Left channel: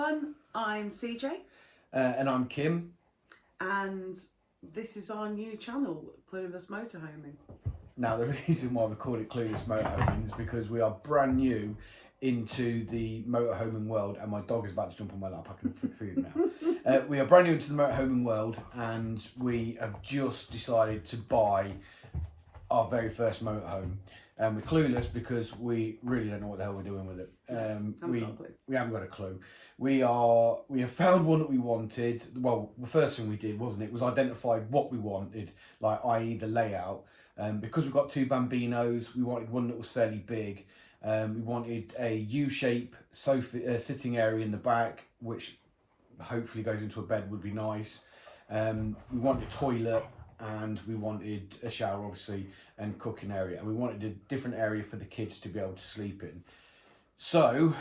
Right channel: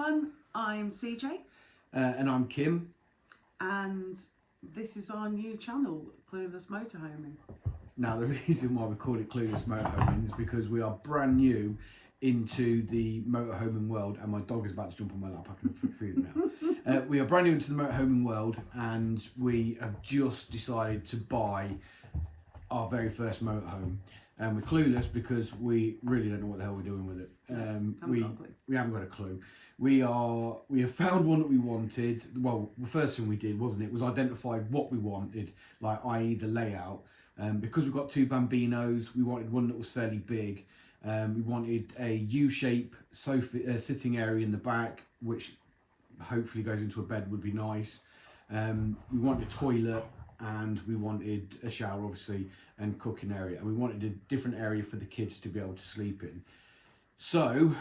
everyone, I'm CJ. And I'm Kim. And this is our new channel, Clueless Motorhoming. Now, the reason why we called it Clueless Motorhoming is because we are brand new into the motorhoming world, and my dog is about to jump on my lap. I can feel it now. We are brand new into the motorhoming world, and we have just decided to buy our very first motorhome. And we're clueless because we really don't know what the hell we're doing with it. We haven't got a clue. We have found one that we wanted. Well, the first thing we did, wasn't it, was identified what we wanted, like i.e. the layout. Because we've got two Bambinos, we wanted one that was fairly big. We wanted a U-shape sofa sitting area in the back, which hopefully goes into a bed, would be nice. We wanted a toilet, and we wanted a shower, obviously, and cooking area, and we wanted a different area for the kids to be able to sleep in. So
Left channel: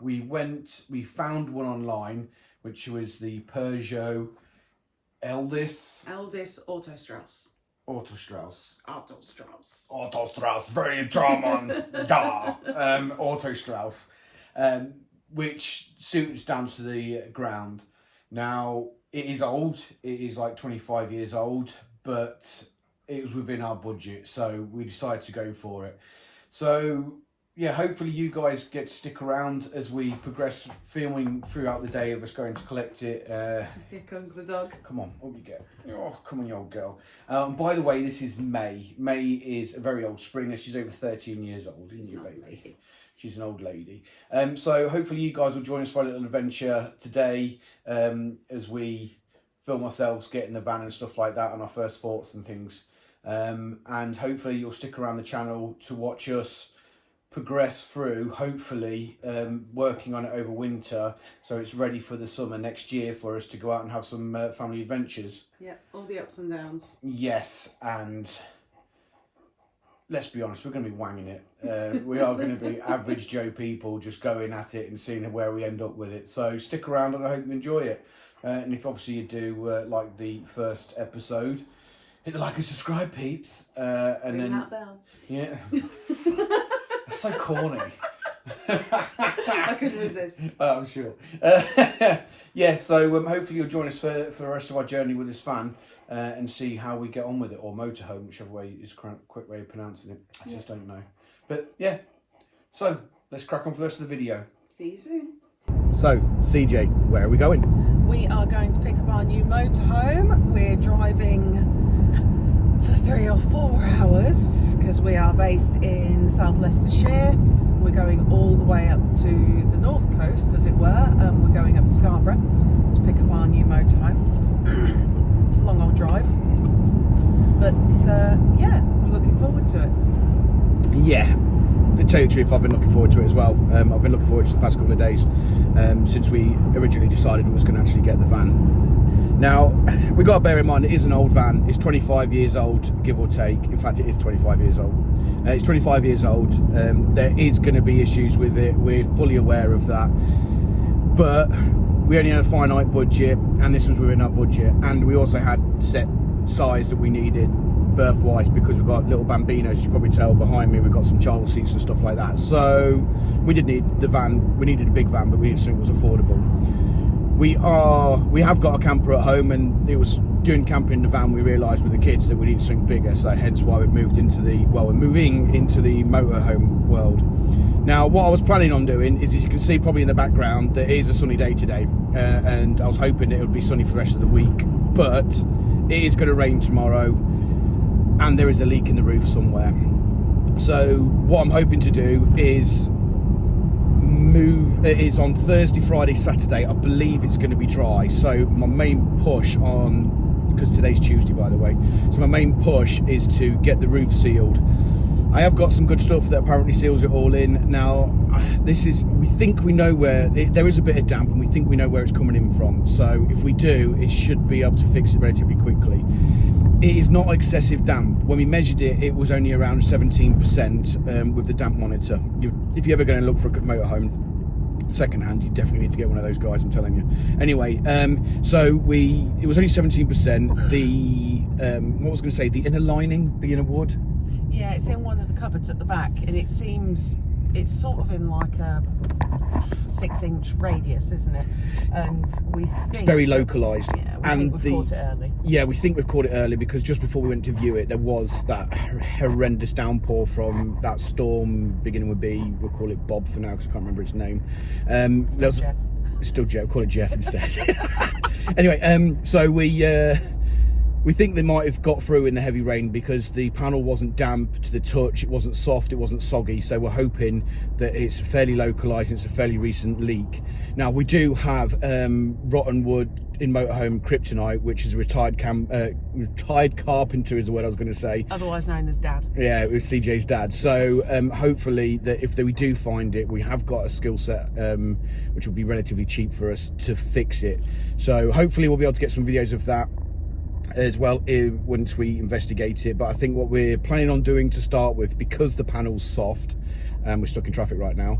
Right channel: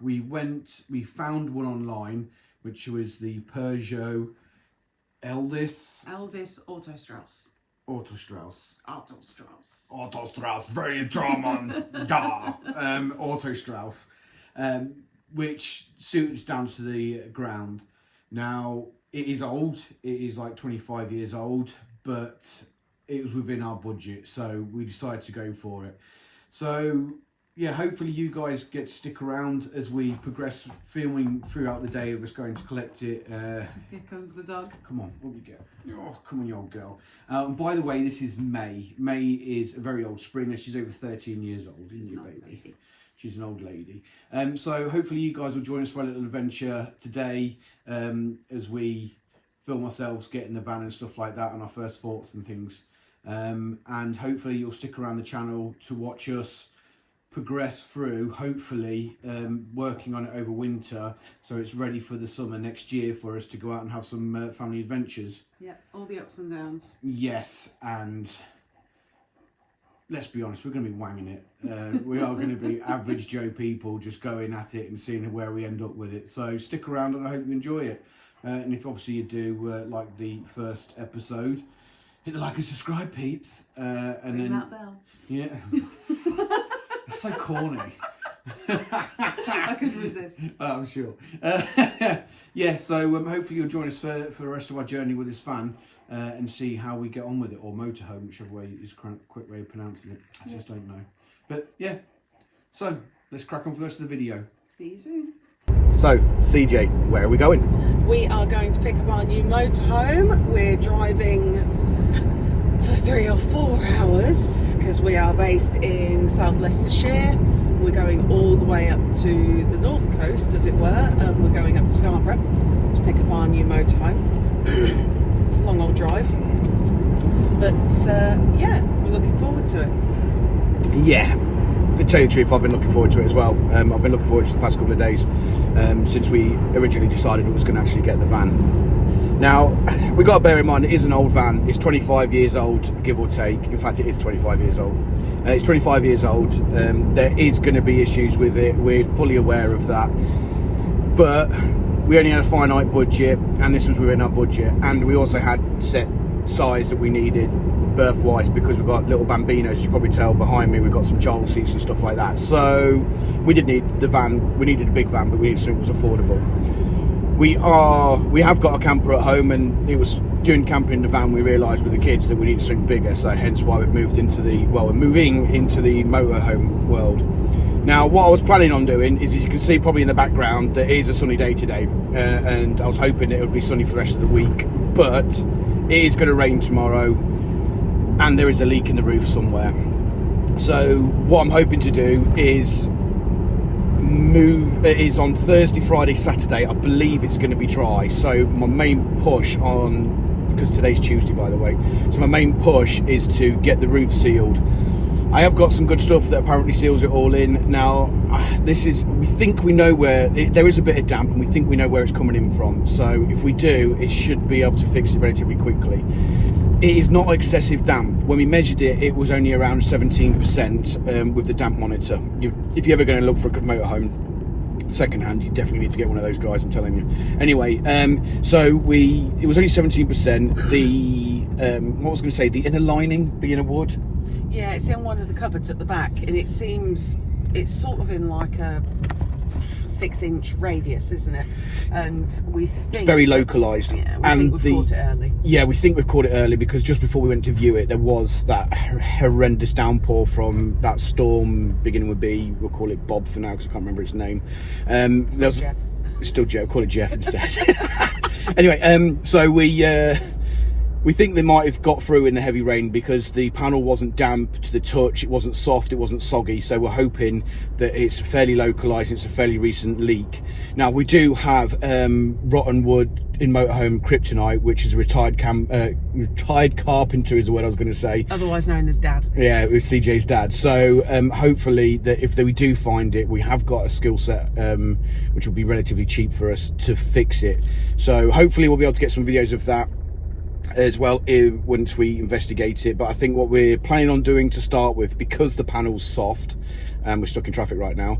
we found one online, which was the Peugeot Eldis Autostrauss. Autostrauss, very German, Autostrauss, which suits down to the ground. Now, it is old, it is like 25 years old, but it was within our budget, so we decided to go for it. So yeah, hopefully you guys get to stick around as we progress filming throughout the day of us going to collect it. Here comes the dog. Come on, what do you get? Oh, come on, you old girl. By the way, this is May. May is a very old Springer. She's over 13 years old, isn't you, baby? She's an old lady. So hopefully you guys will join us for a little adventure today as we film ourselves, get in the van and stuff like that, on our first thoughts and things. And hopefully you'll stick around the channel to watch us progress through, hopefully working on it over winter, so it's ready for the summer next year for us to go out and have some family adventures. Yeah, all the ups and downs. Yes, and let's be honest, we're going to be wanging it. We are going to be average Joe people just going at it and seeing where we end up with it. So stick around and I hope you enjoy it. And if obviously you do like the first episode, hit the like and subscribe, peeps. And ring then that bell. Yeah. That's so corny. I couldn't resist. I'm sure. Yeah, so hopefully you'll join us for the rest of our journey with this van and see how we get on with it, or motorhome, whichever way is quick way of pronouncing it. I just don't know. But yeah, so let's crack on for the rest of the video. See you soon. So, CJ, where are we going? We are going to pick up our new motorhome. We're driving for 3 or 4 hours because we are based in South Leicestershire. We're going all the way up to the north coast, as it were, and we're going up to Scarborough to pick up our new motorhome. It's a long old drive, but yeah, we're looking forward to it. Yeah, to tell you the truth, I've been looking forward to it as well. I've been looking forward to the past couple of days since we originally decided we was going to actually get the van. Now, we got to bear in mind, it is an old van. It's 25 years old, give or take. In fact, it is 25 years old. It's 25 years old. There is going to be issues with it. We're fully aware of that. But we only had a finite budget, and this was within our budget. And we also had set size that we needed birth-wise, because we've got little Bambinos. As you probably tell behind me, we've got some child seats and stuff like that. So we did need the van. We needed a big van, but we needed something that was affordable. We have got a camper at home, and it was doing camping in the van we realised with the kids that we needed something bigger, so hence why we've moved into we're moving into the motorhome world. Now, what I was planning on doing is, as you can see probably in the background, there is a sunny day today, and I was hoping it would be sunny for the rest of the week, but it is going to rain tomorrow, and there is a leak in the roof somewhere. So what I'm hoping to do is it is on Thursday, Friday, Saturday. I believe it's going to be dry, so my main push on, because today's Tuesday by the way, so my main push is to get the roof sealed. I have got some good stuff that apparently seals it all in. Now we think we know where there is a bit of damp, and we think we know where it's coming in from, so if we do, it should be able to fix it relatively quickly. It is not excessive damp. When we measured it, it was only around 17% with the damp monitor. If you're ever going to look for a motorhome second hand, you definitely need to get one of those guys, I'm telling you. Anyway, so it was only 17%. The what was I going to say, the inner lining, the inner wood, yeah, it's in one of the cupboards at the back, and it seems it's sort of in like a 6-inch radius, isn't it? And we think it's very localised. Yeah, we think we've caught it early. Yeah, we think we've caught it early because just before we went to view it, there was that horrendous downpour from that storm beginning with B. We'll call it Bob for now because I can't remember its name. Still Jeff. Still Jeff. Call it Jeff instead. Anyway, so we think they might have got through in the heavy rain because the panel wasn't damp to the touch, it wasn't soft, it wasn't soggy, so we're hoping that it's fairly localised, it's a fairly recent leak. Now we do have rotten wood in Motorhome kryptonite, which is a retired carpenter is the word I was going to say. Otherwise known as Dad. Yeah, it was CJ's dad. So hopefully that if we do find it, we have got a skill set which will be relatively cheap for us to fix it. So hopefully we'll be able to get some videos of that as well once we investigate it. But I think what we're planning on doing to start with, because the panel's soft, and we're stuck in traffic right now,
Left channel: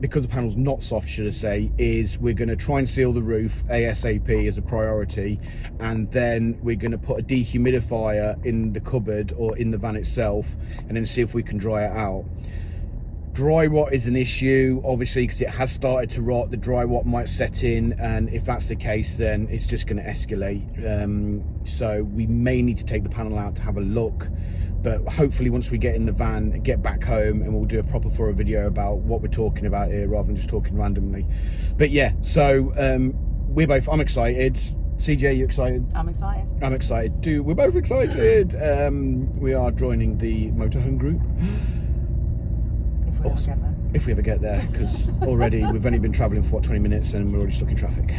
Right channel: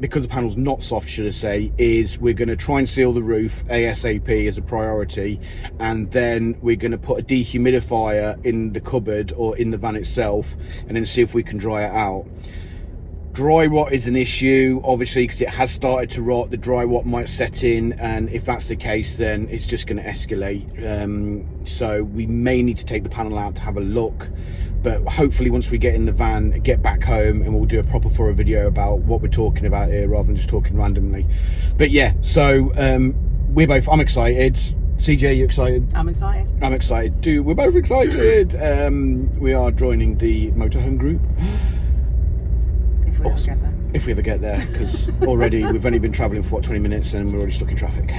because the panel's not soft, should I say, is we're going to try and seal the roof ASAP as a priority, and then we're going to put a dehumidifier in the cupboard or in the van itself, and then see if we can dry it out. Dry rot is an issue, obviously, because it has started to rot. The dry rot might set in, and if that's the case, then it's just going to escalate. So we may need to take the panel out to have a look, but hopefully once we get in the van, get back home, and we'll do a proper thorough video about what we're talking about here rather than just talking randomly. But yeah, so I'm excited. CJ, you excited? I'm excited. I'm excited too. We're both excited. We are joining the Motorhome group. If we ever get there. If we ever get there, because already we've only been travelling for what, 20 minutes and we're already stuck in traffic.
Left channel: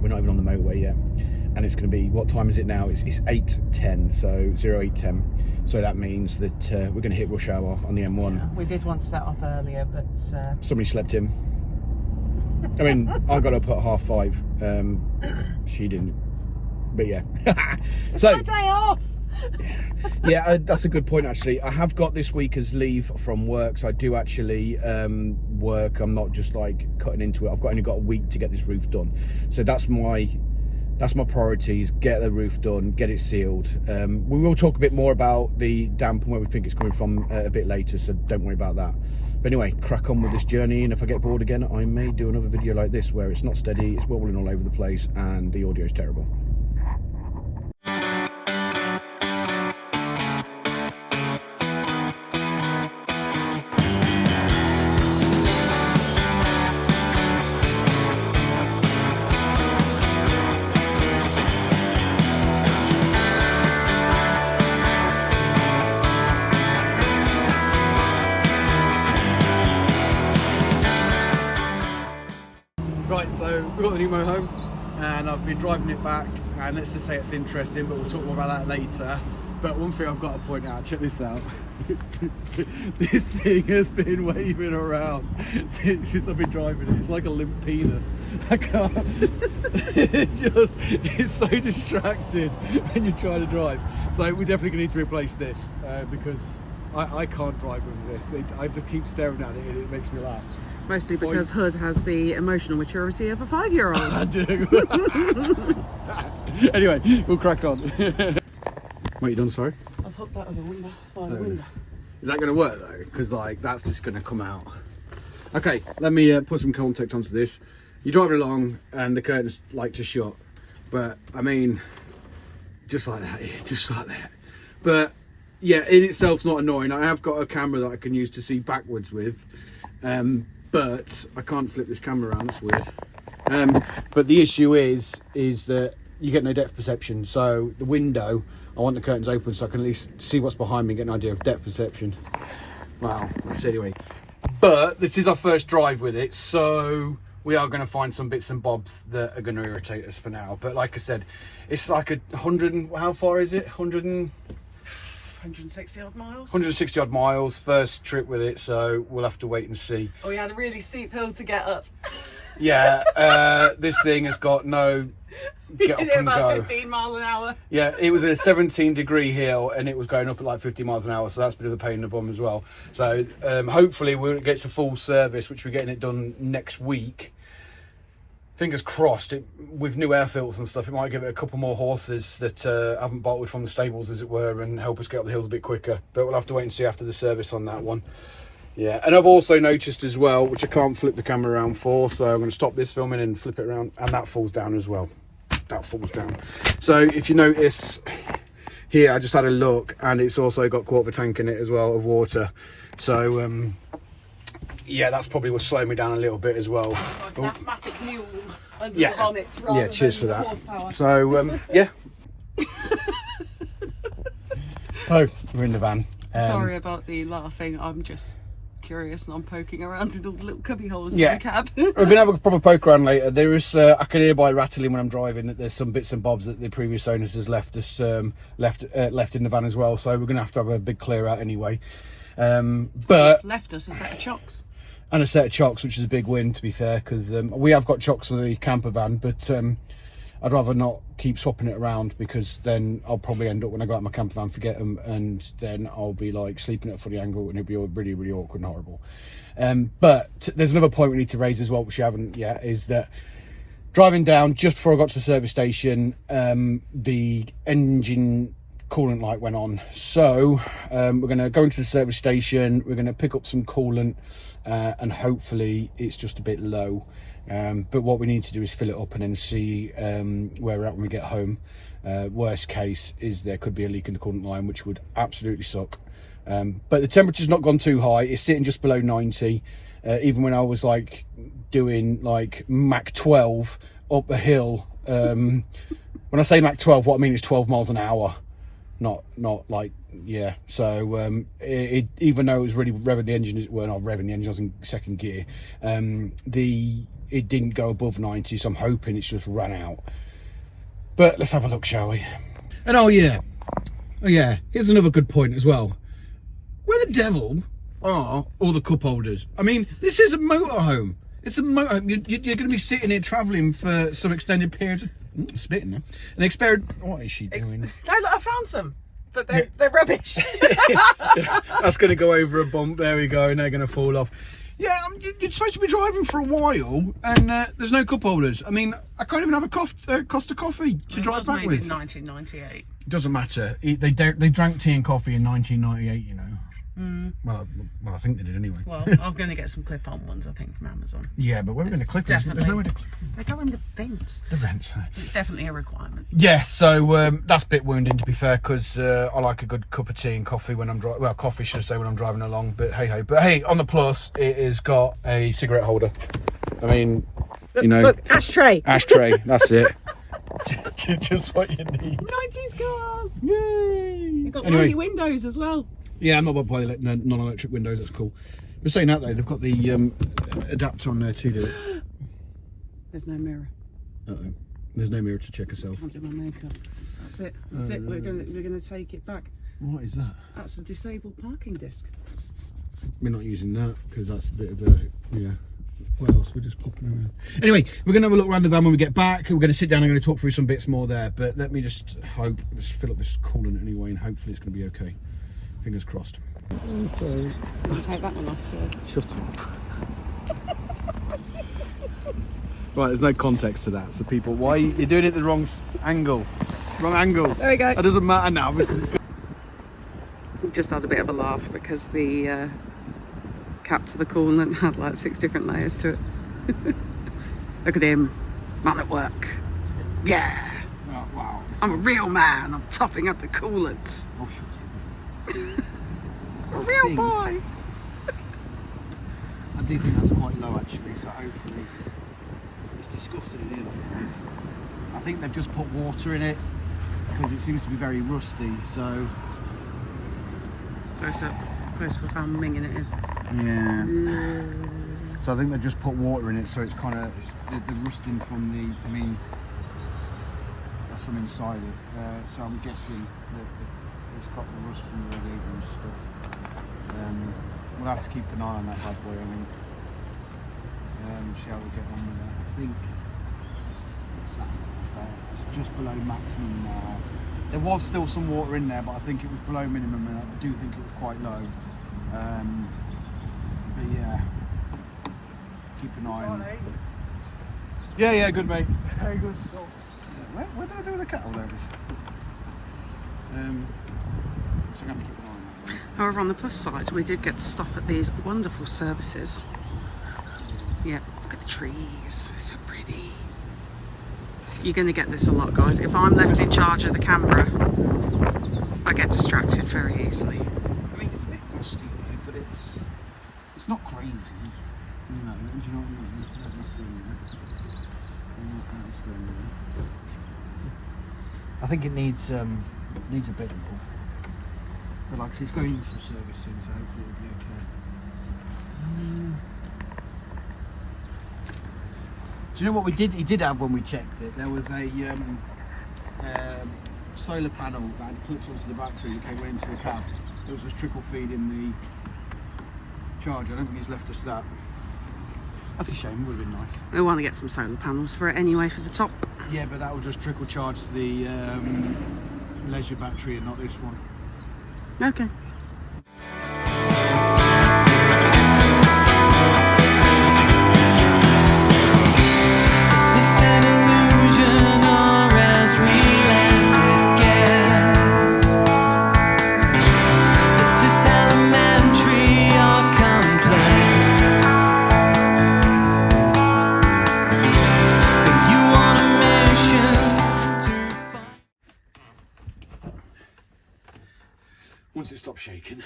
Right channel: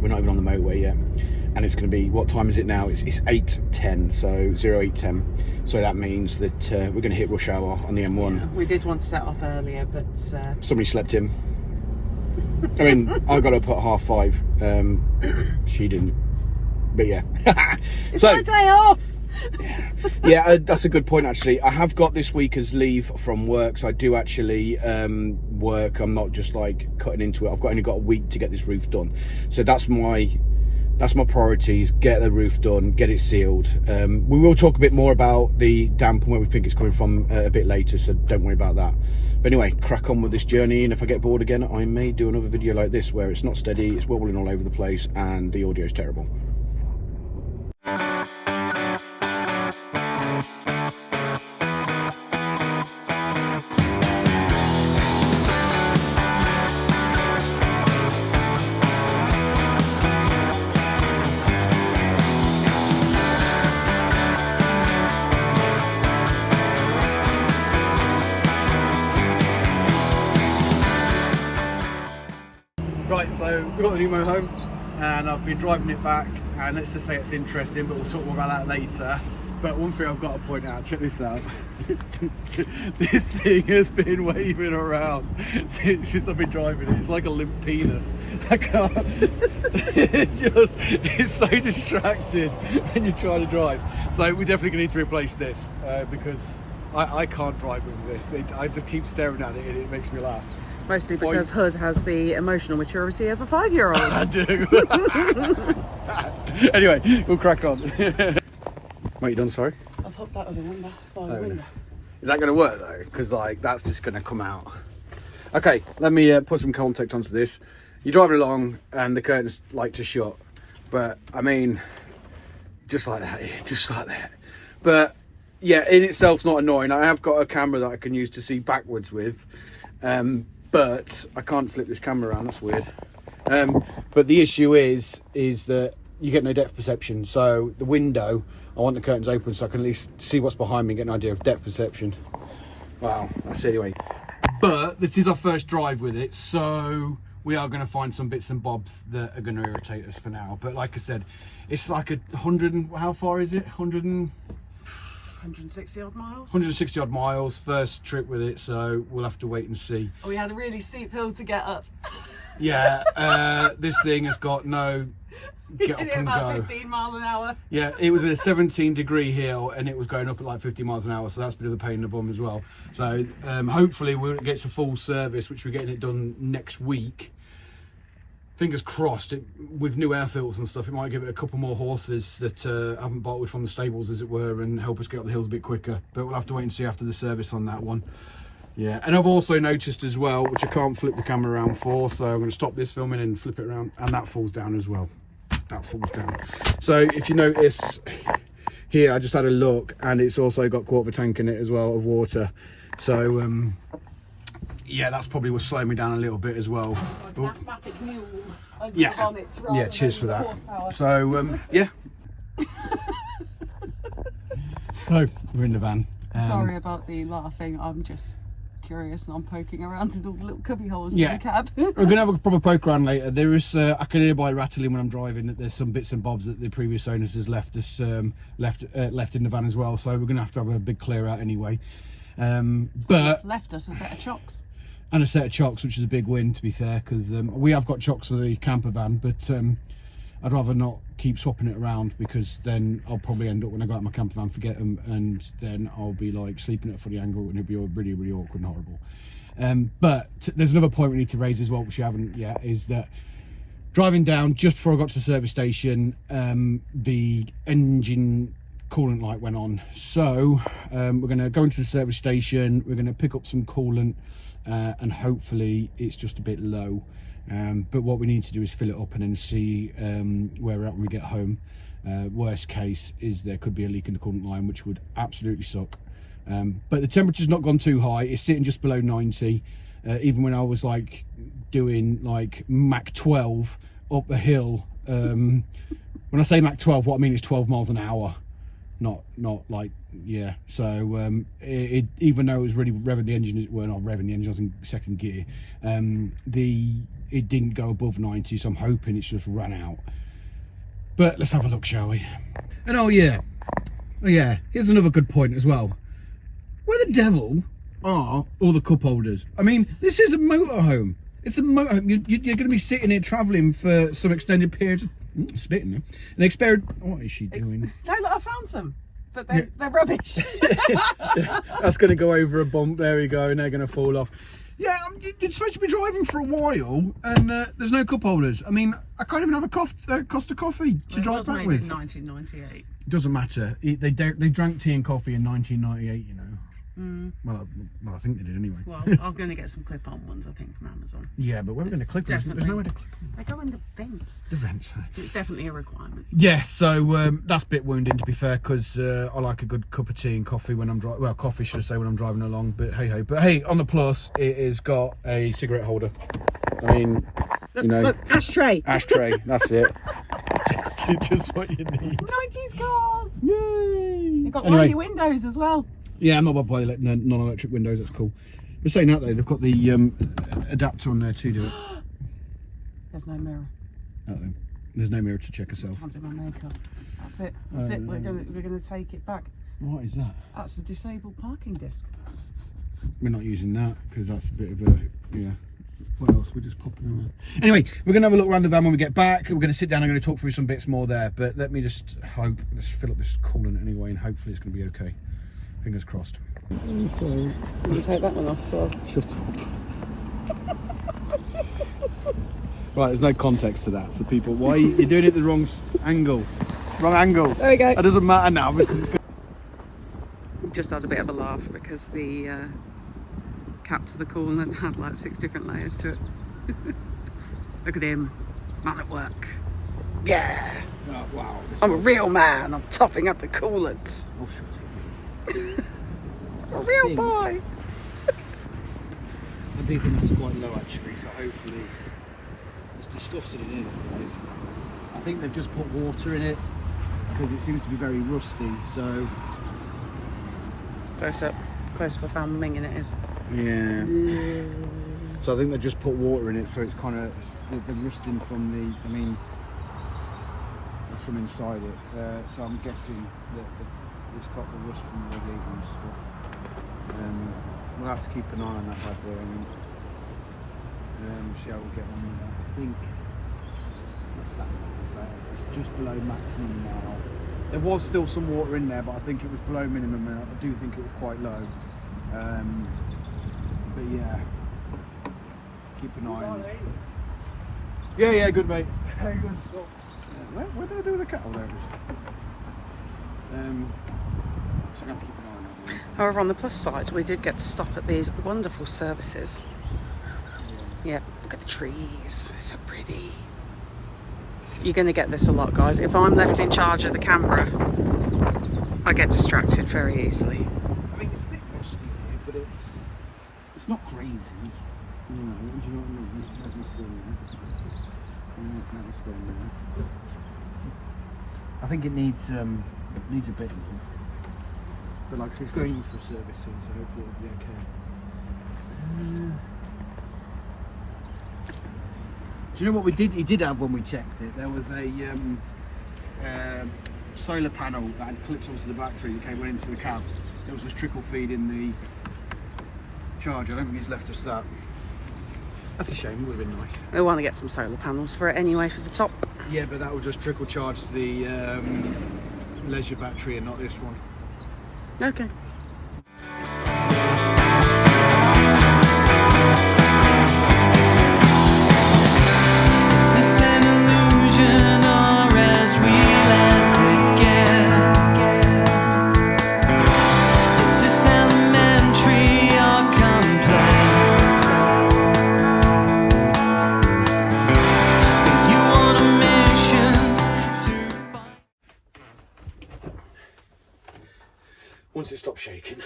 We're not even on the motorway yet, and it's going to be, what time is it now? It's 8:10, so 08:10. So that means that we're going to hit rush hour on the M1. Yeah, we did want to set off earlier, but somebody slept in. I mean, I got up at 5:30. She didn't, but yeah. It's my day off. Yeah, that's a good point actually. I have got this week as leave from work, so I do actually work. I'm not just like cutting into it. I've only got a week to get this roof done, so that's my priorities. Get the roof done, get it sealed. We will talk a bit more about the damp and where we think it's coming from a bit later, so don't worry about that. But anyway, crack on with this journey, and if I get bored again, I may do another video like this where it's not steady, it's wobbling all over the place and the audio is terrible. Right, so we've got the new motorhome and I've been driving it back, and let's just say it's interesting, but we'll talk more about that later. But one thing I've got to point out, check this out. This thing has been waving around since I've been driving it. It's like a limp penis. I can't, it's so distracting when you're trying to drive. So we're definitely gonna need to replace this because I can't drive with this. I just keep staring at it and it makes me laugh. Mostly because Hood has the emotional maturity of a 5-year-old. I do. Anyway, we'll crack on. What you done, sorry? I've hooked that other window by the window. Is that going to work though? Because like that's just going to come out. Okay, let me put some context onto this. You're driving along and the curtains like to shut, but I mean, just like that, just like that. But yeah, in itself's not annoying. I have got a camera that I can use to see backwards with. But I can't flip this camera around, that's weird. But the issue is that you get no depth perception. So the window, I want the curtains open so I can at least see what's behind me and get an idea of depth perception. Well, that's it anyway. But this is our first drive with it, so we are going to find some bits and bobs that are going to irritate us for now. But like I said, it's like 100, how far is it? 160 odd miles. 160 odd miles, first trip with it, so we'll have to wait and see. Oh, we had a really steep hill to get up. Yeah, this thing has got no get up and about go. 15 miles an hour. Yeah, it was a 17-degree hill and it was going up at like 50 miles an hour, so that's a bit of a pain in the bum as well. So hopefully we'll get to full service, which we're getting it done next week. Fingers crossed, with new air filters and stuff, it might give it a couple more horses that haven't bolted from the stables, as it were, and help us get up the hills a bit quicker. But we'll have to wait and see after the service on that one. Yeah, and I've also noticed as well, which I can't flip the camera around for, so I'm going to stop this filming and flip it around, and that falls down as well. That falls down. So if you notice here, I just had a look, and it's also got a quarter of a tank in it as well of water. So yeah, that's probably what's slowing me down a little bit as well. Like an asthmatic mule under Yeah, the bonnet yeah. Cheers for that. horsepower. So yeah. So we're in the van. Sorry about the laughing. I'm just curious, and I'm poking around in all the little cubby holes Yeah. in the cab. We're gonna have a proper poke around later. There is, I can hear by rattling when I'm driving that there's some bits and bobs that the previous owners has left us left in the van as well. So we're gonna have to have a big clear out anyway. But It's left us a set of chocks. and a set of chocks, which is a big win to be fair, because we have got chocks for the camper van, but I'd rather not keep swapping it around, because then I'll probably end up, when I go out my camper van, forget them, and then I'll be like sleeping at a funny angle, and it'll be all really, really awkward and horrible. But there's another point we need to raise as well, which we haven't yet, is that driving down just before I got to the service station, the engine coolant light went on. So we're going to go into the service station, we're going to pick up some coolant, and hopefully it's just a bit low. But what we need to do is fill it up and then see where we're at when we get home. Worst case is there could be a leak in the coolant line, which would absolutely suck. But the temperature's not gone too high. It's sitting just below 90. Even when I was like doing like Mach 12 up a hill. When I say Mach 12, what I mean is 12 miles an hour. Not like, yeah. So even though it was really revving the engine, well, not revving the engine, I was in second gear. It didn't go above 90, so I'm hoping it's just run out. But let's have a look, shall we? And oh yeah, here's another good point as well. Where the devil are all the cup holders? I mean, this is a motorhome. It's a motorhome. You're going to be sitting here travelling for some extended periods. Spitting now. An experiment. What is she doing? No, look, I found some, but they're rubbish. That's going to go over a bump. There we go, and they're going to fall off. Yeah, you're supposed to be driving for a while, and there's no cup holders. I mean, I can't even have a Costa coffee to drive back with. In 1998. Doesn't matter. They drank tea and coffee in 1998. You know. Well, I think they did anyway. Well, I'm going to get some clip-on ones, I think, from Amazon. Yeah, but where are we going to clip them? There's nowhere to clip them. They go in the vents. The vents. Right. It's definitely a requirement. Yeah, so that's a bit wounding, to be fair, because I like a good cup of tea and coffee when I'm driving. Well, coffee, should I say, when I'm driving along. But hey. But hey, on the plus, it has got a cigarette holder. I mean, Look, you know, look, ashtray. Ashtray. That's it. Just what you need. 90s cars. Yay! They've got Anyway. runny windows as well. Yeah, I'm not bothered by non-electric windows. That's cool. But saying that though, they've got the adapter on there too. Do it. There's no mirror. Uh-oh. There's no mirror to check herself. Can't do my makeup. That's it. That's it. We're gonna take it back. What is that? That's the disabled parking disc. We're not using that because that's a bit of a, yeah. What else? We're just popping around. Anyway, we're going to have a look around the van when we get back. We're going to sit down and I'm going to talk through some bits more there. But let me just hope, let's fill up this coolant anyway, and hopefully it's going to be okay. Fingers crossed. So, you can take that one off as well. Shut up. Right, there's no context to that. So people, why you're doing it the wrong angle? Wrong angle. There we go. That doesn't matter now. But it's good. We've just had a bit of a laugh because the cap to the coolant had like 6 different layers to it. Look at him, man at work. Yeah, Oh, wow. I'm a real man. I'm topping up the coolant. Oh, shut A real Thing. boy. I do think that's quite low actually, so hopefully it's disgusting in here, guys. I think they've just put water in it because it seems to be very rusty, so Close up I found minging it is. yeah. So I think they've just put water in it, so it's kind of the rusting from the, I mean, there's some inside it, so I'm guessing that it's got the rust from the radiator and stuff. We'll have to keep an eye on that bad boy, I think. Shall we get on with that? I think it's that. So it's just below maximum now. There was still some water in there, but I think it was below minimum, and I do think it was quite low. But yeah, keep an eye on it. Yeah, good mate. Very good stuff. Yeah, what do I do with the kettle? Those. So I have to keep an eye on it. However, on the plus side, we did get to stop at these wonderful services. Yeah, look at the trees, so pretty. You're going to get this a lot, guys. If I'm left in charge of the camera, I get distracted very easily. I mean, it's a bit rusty there, but it's not crazy. You know, do you know what I mean? I think it needs a bit of love. But like I said, it's going in for a service soon, so hopefully it'll be okay. Do you know what we did? He did have when we checked it. There was a solar panel that had clips onto the battery that went into the cab. There was just trickle feed in the charger. I don't think he's left us that. That's a shame. It would have been nice. We want to get some solar panels for it anyway for the top. Yeah, but that will just trickle charge the leisure battery and not this one. Okay. Is this an illusion or as real as it gets? Is this elementary or complex? Are you on a mission to find? Once it stops shaking.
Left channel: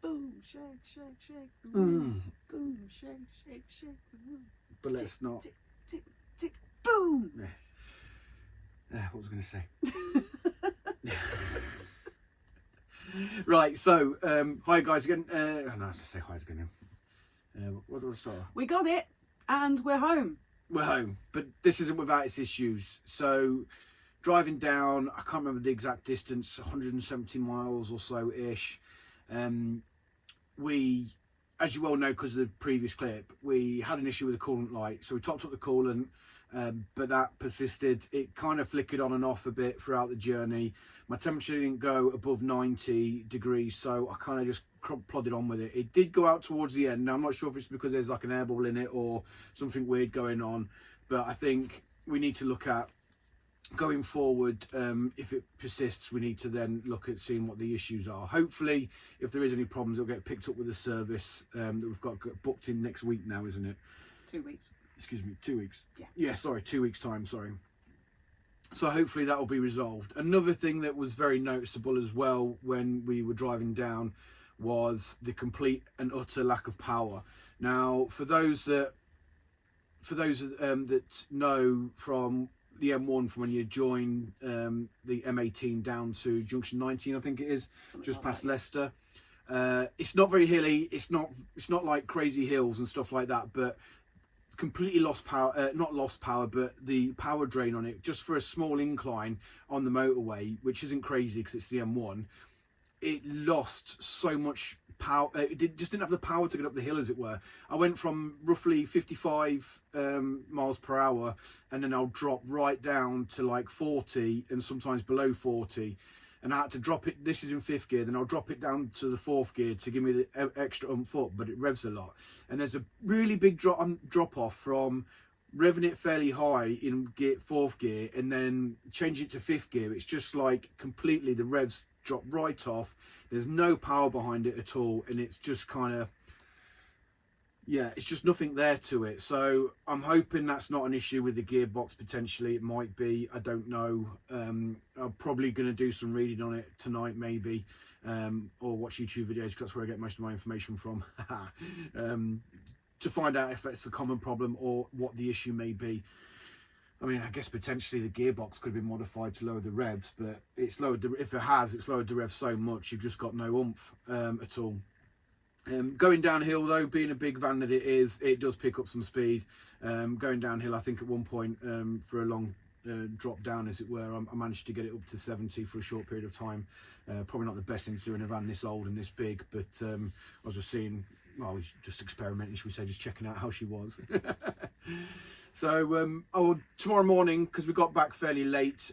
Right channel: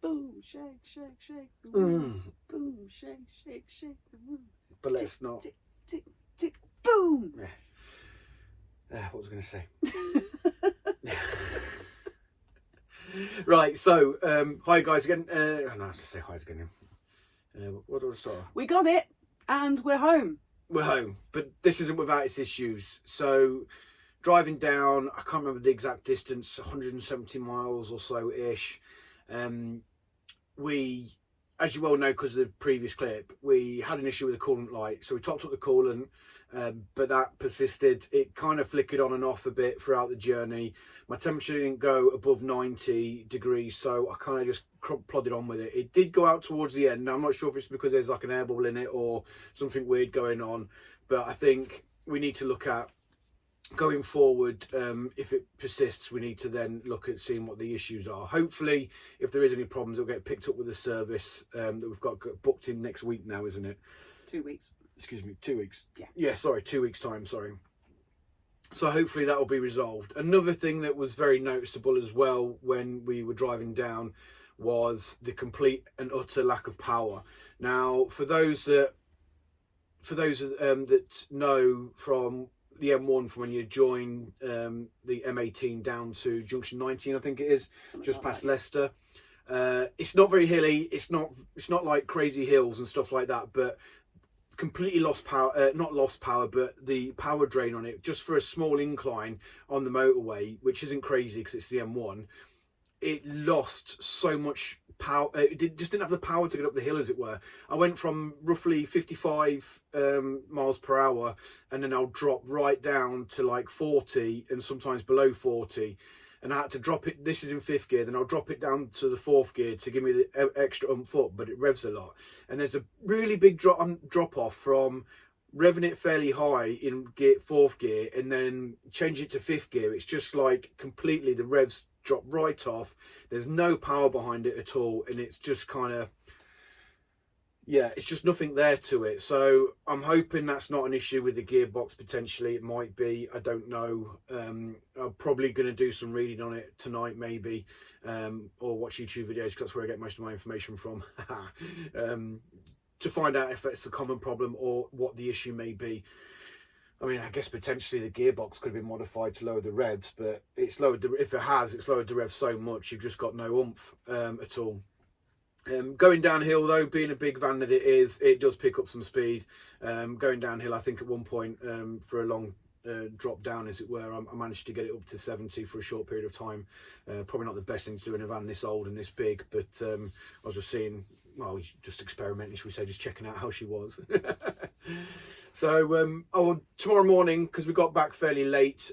Boom, shake, shake, shake the room. Boom, shake, shake, shake the room. But let's not. Tick, tick, tick, boom. What was I going to say? Right, so hi guys again. No, I have to say hi again. What do I start? We got it, and we're home. We're home, but this isn't without its issues. So driving down, I can't remember the exact distance, 170 miles or so ish. We, as you well know because of the previous clip, we had an issue with the coolant light, so we topped up the coolant, but that persisted. It kind of flickered on and off a bit throughout the journey. My temperature didn't go above 90 degrees, so I kind of just plodded on with it. It did go out towards the end. Now I'm not sure if it's because there's like an air bubble in it or something weird going on, but I think we need to look at going forward. If it persists, we need to then look at seeing what the issues are. Hopefully, if there is any problems, it'll get picked up with the service that we've got booked in next week now, isn't it? 2 weeks. Excuse me, 2 weeks. Yeah, sorry, 2 weeks time, sorry. So hopefully that will be resolved. Another thing that was very noticeable as well when we were driving down was the complete and utter lack of power. Now, for those that know from the M1, from when you join the M18 down to junction 19, I think it is, just past Leicester. It's not very hilly. It's not like crazy hills and stuff like that, but completely lost power. Not lost power, but the power drain on it, just for a small incline on the motorway, which isn't crazy because it's the M1. It lost so much power. It just didn't have the power to get up the hill, as it were. I went from roughly 55 miles per hour, and then I'll drop right down to like 40 and sometimes below 40. And I had to drop it. This is in 5th gear. Then I'll drop it down to the 4th gear to give me the extra oomph up, but it revs a lot. And there's a really big drop off from revving it fairly high in 4th gear and then changing it to 5th gear. It's just like completely, the revs drop right off. There's no power behind it at all, and it's just kind of, yeah, it's just nothing there to it. So I'm hoping that's not an issue with the gearbox. Potentially it might be, I don't know. I'm probably going to do some reading on it tonight maybe, or watch YouTube videos, because that's where I get most of my information from, to find out if it's a common problem or what the issue may be. I mean, I guess potentially the gearbox could have been modified to lower the revs, but it's lowered if it has, it's lowered the revs so much you've just got no oomph at all. Going downhill though, being a big van that it is, it does pick up some speed. Going downhill, I think at one point for a long drop down, as it were, I managed to get it up to 70 for a short period of time. Probably not the best thing to do in a van this old and this big, but I was just seeing, well, just experimenting, should we say, just checking out how she was. So tomorrow morning, because we got back fairly late,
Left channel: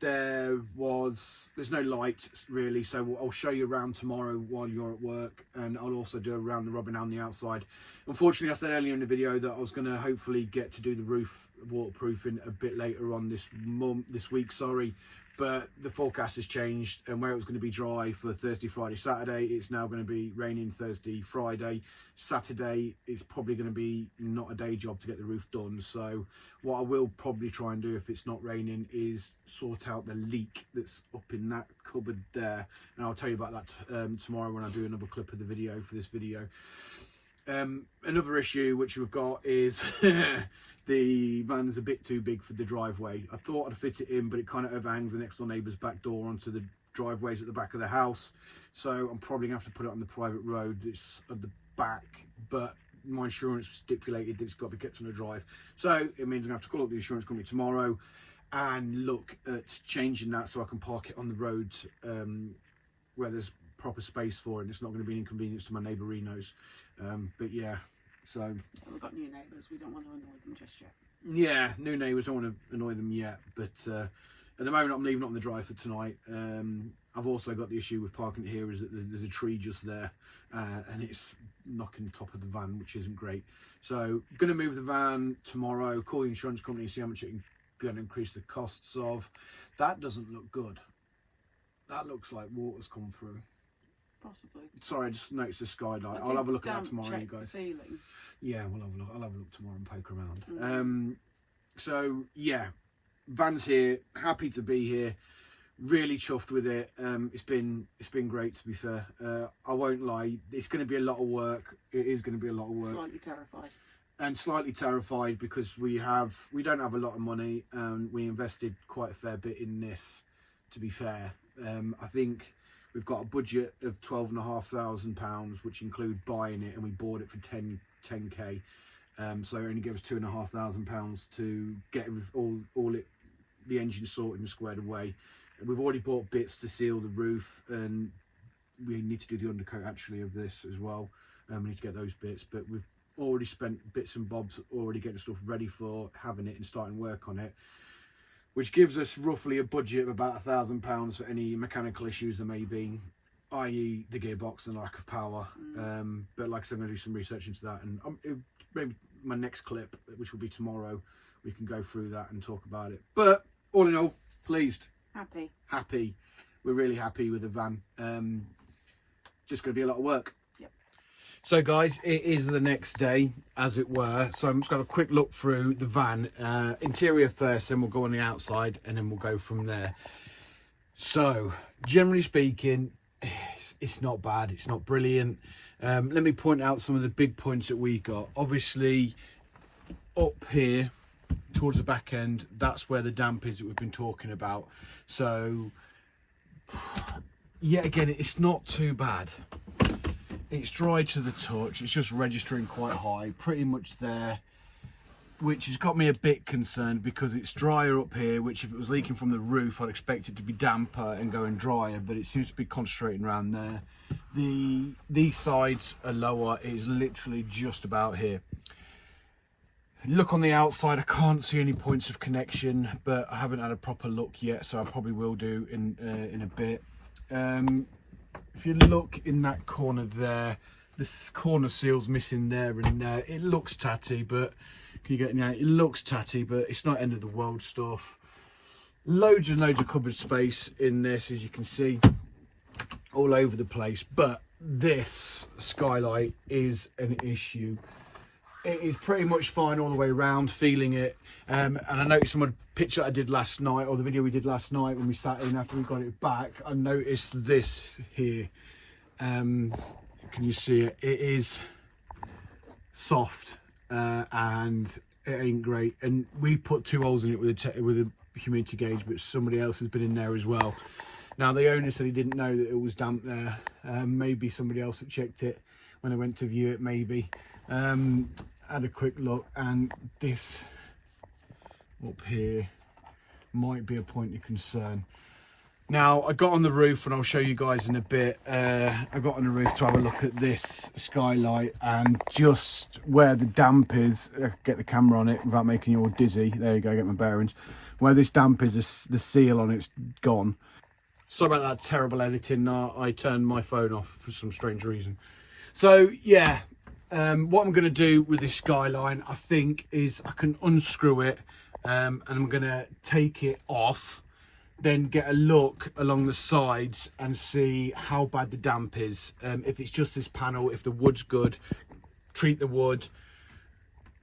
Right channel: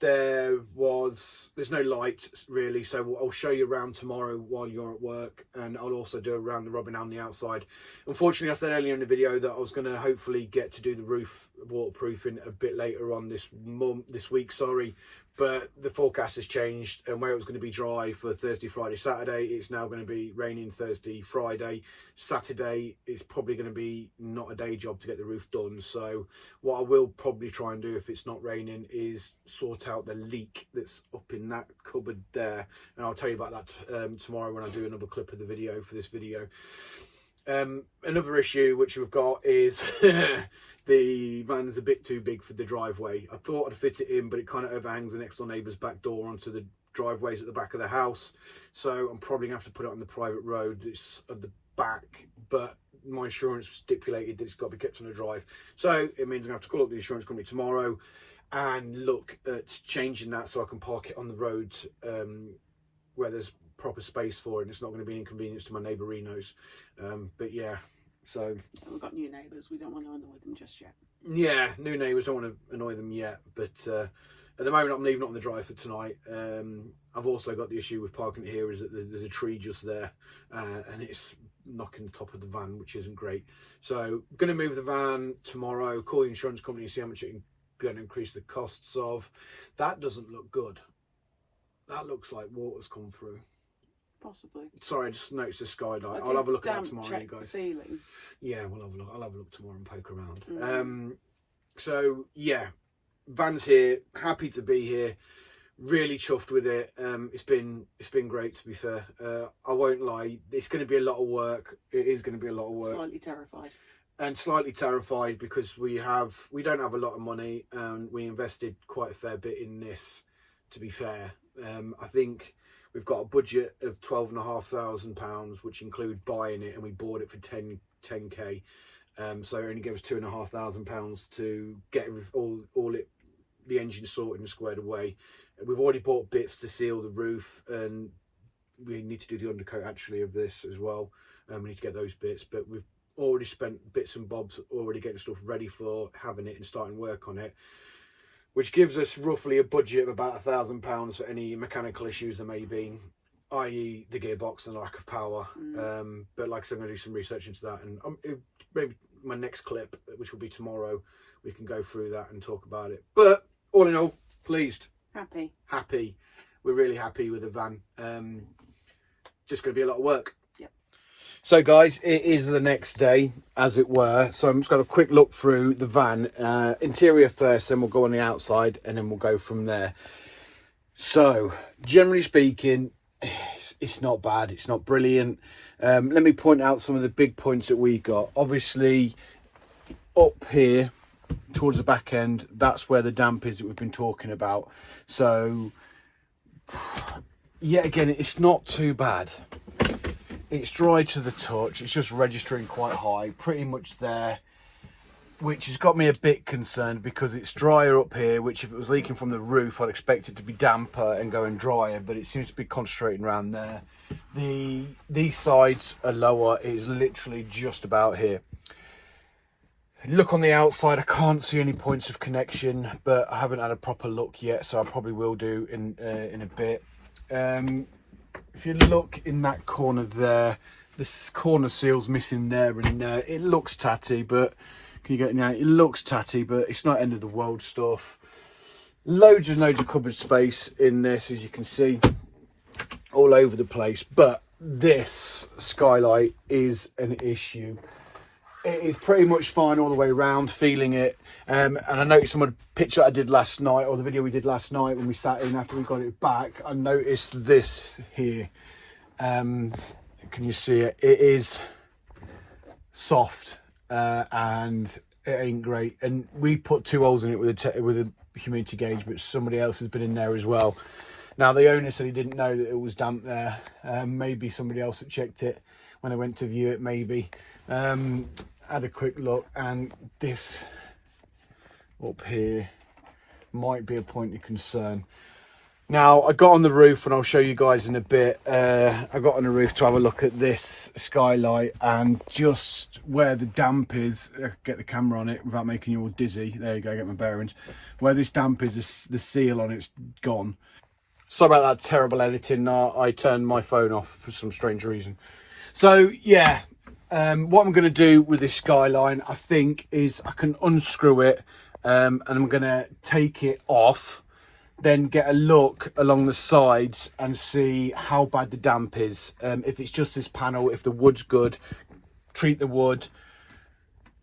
there's no light really, so I'll show you around tomorrow while you're at work, and I'll also do around the rubbing down the outside. Unfortunately, I said earlier in the video that I was going to hopefully get to do the roof waterproofing a bit later on this week, sorry, but the forecast has changed, and where it was going to be dry for Thursday, Friday, Saturday, it's now going to be raining Thursday, Friday. Saturday is probably going to be not a day job to get the roof done. So what I will probably try and do if it's not raining is sort out the leak that's up in that cupboard there, and I'll tell you about that tomorrow when I do another clip of the video for this video. Another issue which we've got is the van's a bit too big for the driveway. I thought I'd fit it in, but it kind of overhangs the next door neighbour's back door onto the driveways at the back of the house. So I'm probably going to have to put it on the private road. It's at the back, but my insurance stipulated that it's got to be kept on the drive. So it means I'm going to have to call up the insurance company tomorrow and look at changing that so I can park it on the road where there's proper space for it, and it's not going to be an inconvenience to my neighbourinos. But yeah, so we've got new neighbours, we don't want to annoy them just yet. Yeah, new neighbours, don't want to annoy them yet, but at the moment I'm leaving it on the drive for tonight. I've also got the issue with parking it here is that there's a tree just there, and it's knocking the top of the van, which isn't great. So going to move the van tomorrow, call the insurance company and see how much it can increase the costs of. That doesn't look good. That looks like water's come through. Possibly. Sorry, I just noticed the skylight. I'll have a look at that tomorrow, you guys. The ceiling. Yeah, we'll have a look. I'll have a look tomorrow and poke around. So yeah, van's here. Happy to be here. Really chuffed with it. It's been great, to be fair. I won't lie. It's going to be a lot of work. It is going to be a lot of work. Slightly terrified. And slightly terrified because we don't have a lot of money, and we invested quite a fair bit in this. To be fair, I think we've got a budget of £12,500, which include buying it, and we bought it for 10k. So it only gave us £2,500 to get the engine sorted and squared away. We've already bought bits to seal the roof, and we need to do the undercoat actually of this as well. We need to get those bits, but we've already spent bits and bobs already getting stuff ready for having it and starting work on it, which gives us roughly a budget of about £1,000 for any mechanical issues there may be, i.e. the gearbox and lack of power. But like I said, I'm going to do some research into that, and maybe my next clip, which will be tomorrow, we can go through that and talk about it. But all in all, pleased. Happy. We're really happy with the van. Just going to be a lot of work. Yep. So guys, it is the next day, as it were. So I'm just going to have a quick look through the van. Interior first, then we'll go on the outside, and then we'll go from there. So, generally speaking, it's not bad. It's not brilliant. Let me point out some of the big points that we got. Obviously, up here, towards the back end, that's where the damp is that we've been talking about. So, yet again, it's not too bad. It's dry to the touch. It's just registering quite high, pretty much there, which has got me a bit concerned because it's drier up here, which if it was leaking from the roof, I'd expect it to be damper and going drier, but it seems to be concentrating around there. These sides are lower. It is literally just about here. Look on the outside, I can't see any points of connection, but I haven't had a proper look yet, so I probably will do in a bit. If you look in that corner there, this corner seal's missing there and there. It looks tatty, but can you get it now? It looks tatty, but it's not end of the world stuff. Loads and loads of cupboard space in this, as you can see, all over the place. But this skylight is an issue. It is pretty much fine all the way around, feeling it. And I noticed some of the picture I did last night, or the video we did last night when we sat in after we got it back. I noticed this here. Can you see it? It is soft and it ain't great. And we put 2 holes in it with a humidity gauge, but somebody else has been in there as well. Now the owner said he didn't know that it was damp there. Maybe somebody else had checked it when I went to view it, maybe. Had a quick look, and this up here might be a point of concern. Now I got on the roof, and I'll show you guys in a bit. I got on the roof to have a look at this skylight, and just where the damp is, get the camera on it without making you all dizzy. There you go, get my bearings. Where this damp is, the seal on it's gone. Sorry about that terrible editing. I turned my phone off for some strange reason. So yeah. What I'm going to do with this skyline, I think, is I can unscrew it, and I'm going to take it off then get a look along the sides and see how bad the damp is. If it's just this panel, if the wood's good, treat the wood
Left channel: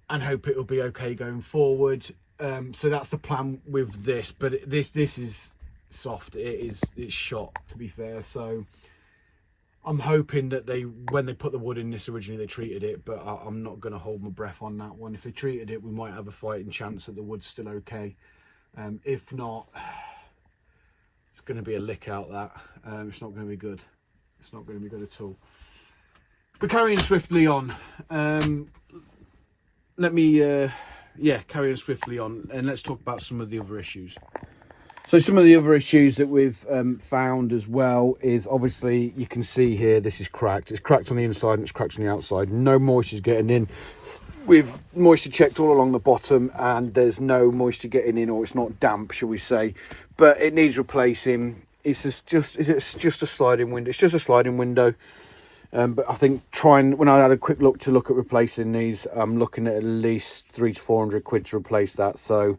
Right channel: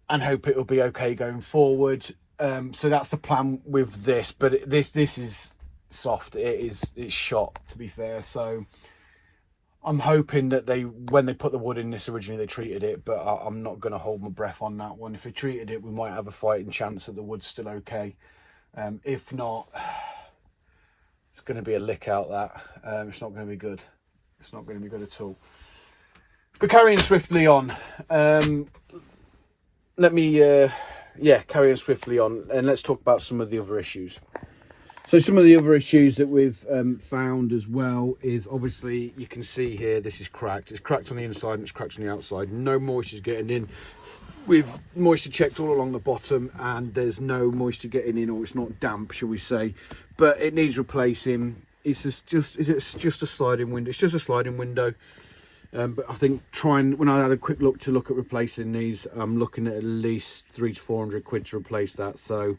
and hope it'll be okay going forward. So that's the plan with this, but this is soft. It's shot, to be fair. So I'm hoping that when they put the wood in this originally, they treated it, but I'm not going to hold my breath on that one. If they treated it, we might have a fighting chance that the wood's still okay. If not, it's going to be a lick out that. It's not going to be good. It's not going to be good at all. But carrying swiftly on, let me carry on swiftly on, and let's talk about some of the other issues. So some of the other issues that we've found as well is, obviously you can see here, this is cracked. It's cracked on the inside and it's cracked on the outside. No moisture is getting in. We've moisture checked all along the bottom and there's no moisture getting in, or it's not damp, shall we say, but it needs replacing. It's just a sliding window. It's just a sliding window. But I think when I had a quick look at replacing these, I'm looking at least 300 to 400 quid to replace that. So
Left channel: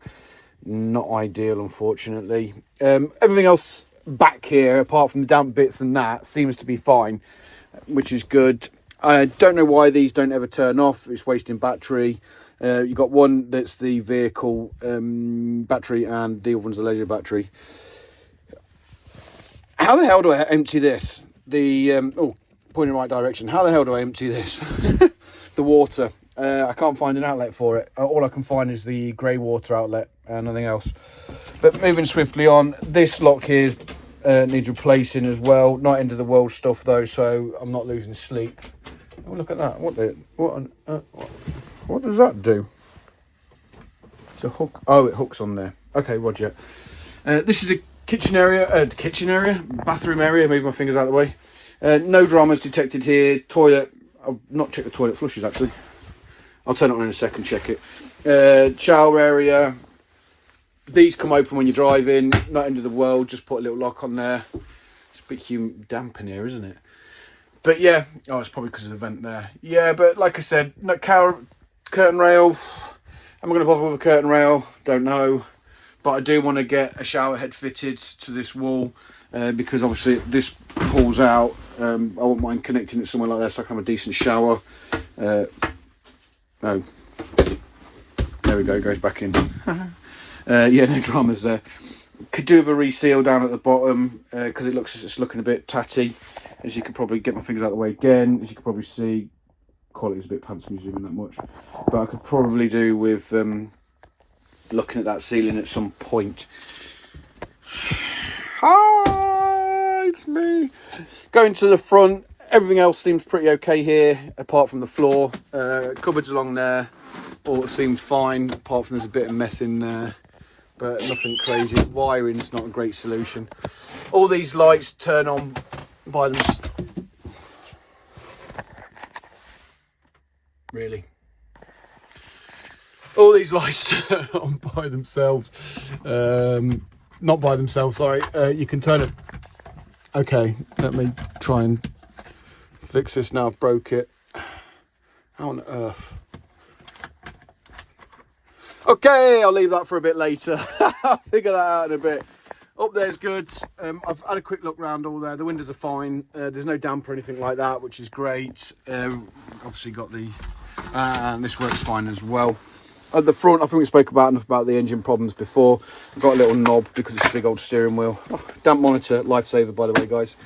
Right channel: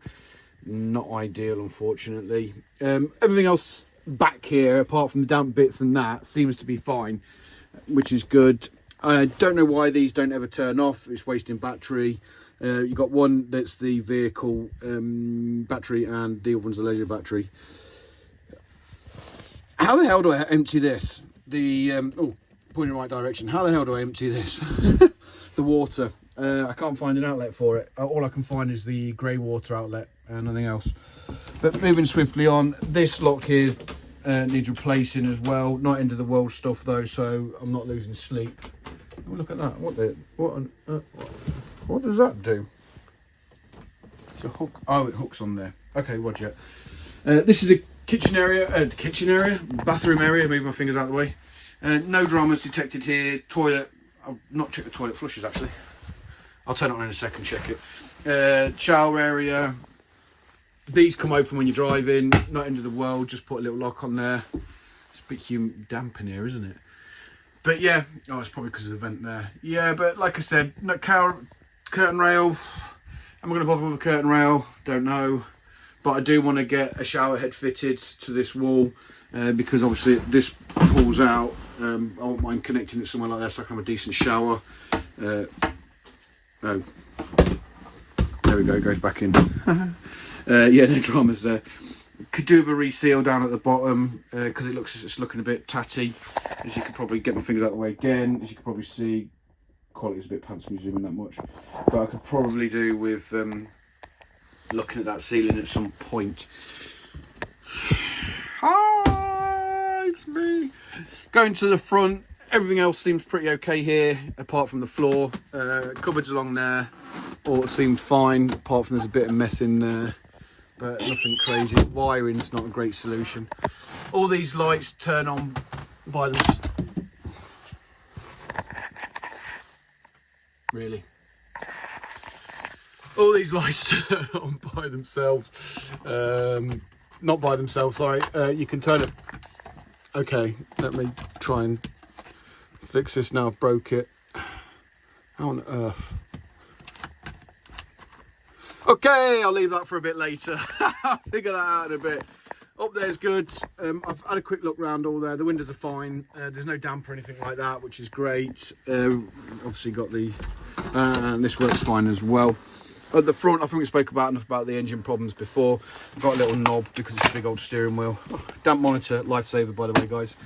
not ideal, unfortunately. Everything else back here, apart from the damp bits and that, seems to be fine, which is good. I don't know why these don't ever turn off. It's wasting battery. You've got one that's the vehicle battery and the other one's the leisure battery. How the hell do I empty this? Pointing in the right direction. How the hell do I empty this? The water. I can't find an outlet for it. All I can find is the grey water outlet and nothing else. But moving swiftly on, this lock here needs replacing as well. Not end of the world stuff though, so I'm not losing sleep. Oh, look at that. What does that do? It's a hook. Oh, it hooks on there. Okay, roger. This is a bathroom area. Move my fingers out of the way. No dramas detected here. Toilet. I've not checked the toilet flushes actually. I'll turn it on in a second, check it. Shower area. These come open when you're driving. Not end of the world. Just put a little lock on there. It's a bit damp in here, isn't it? But yeah. Oh, it's probably because of the vent there. Yeah, but like I said, no curtain rail. Am I going to bother with a curtain rail? Don't know. But I do want to get a shower head fitted to this wall because obviously this pulls out. I won't mind connecting it somewhere like that so I can have a decent shower. Oh, there we go, it goes back in. Yeah, no dramas there. Could do with a reseal down at the bottom because it's looking a bit tatty. As you can probably get my fingers out of the way again. As you can probably see, quality is a bit pants me zooming that much. But I could probably do with looking at that ceiling at some point. Hi, it's me. Going to the front. Everything else seems pretty okay here, apart from the floor. Cupboards along there, all seem fine, apart from there's a bit of mess in there, but nothing crazy. Wiring's not a great solution. All these lights turn on by themselves. Really? All these lights turn on by themselves. Not by themselves, sorry. You can turn it. Okay, let me try and fix this now. I've broke it. How on earth? Okay, I'll leave that for a bit later. I'll figure that out in a bit. Up there's good. I've had a quick look round all there. The windows are fine. There's no damp or anything like that, which is great. Obviously got the and this works fine as well. At the front, I think we spoke enough about the engine problems before. I've got a little knob because it's a big old steering wheel. Oh, damp monitor, lifesaver by the way, guys.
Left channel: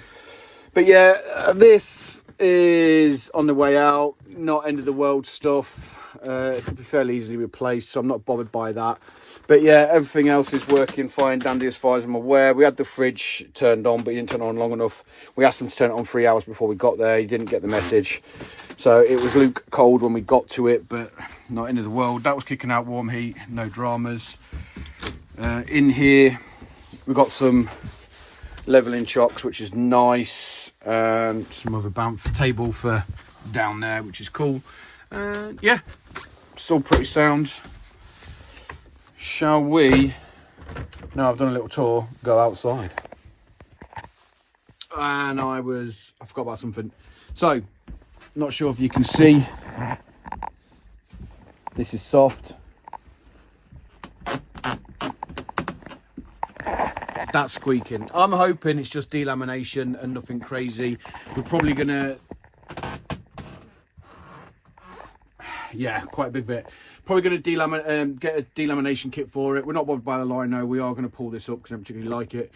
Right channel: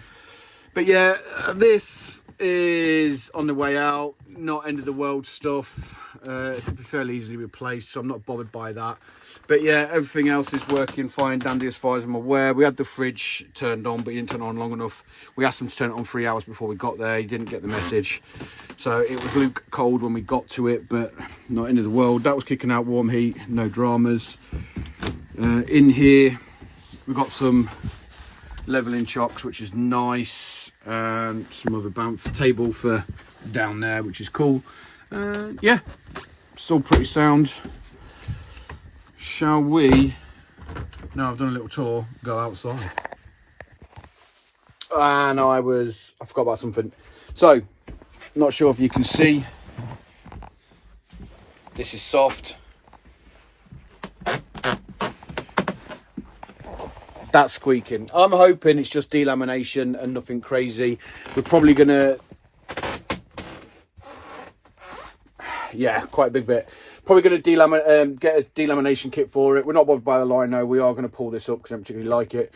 But yeah, this is on the way out. Not end of the world stuff. It could be fairly easily replaced, so I'm not bothered by that. But yeah, everything else is working fine, dandy as far as I'm aware. We had the fridge turned on, but he didn't turn on long enough. We asked him to turn it on 3 hours before we got there. He didn't get the message. So it was luke cold when we got to it, but not end of the world. That was kicking out warm heat, no dramas. In here, we've got some leveling chocks, which is nice. And some other bamf table for down there, which is cool. Yeah, still pretty sound. Shall we, now I've done a little tour, go outside? And I forgot about something. So, not sure if you can see, this is soft. That's squeaking. I'm hoping it's just delamination and nothing crazy. We're probably gonna, yeah, quite a big bit. Probably gonna get a delamination kit for it. We're not bothered by the lino. We are gonna pull this up because I don't particularly like it.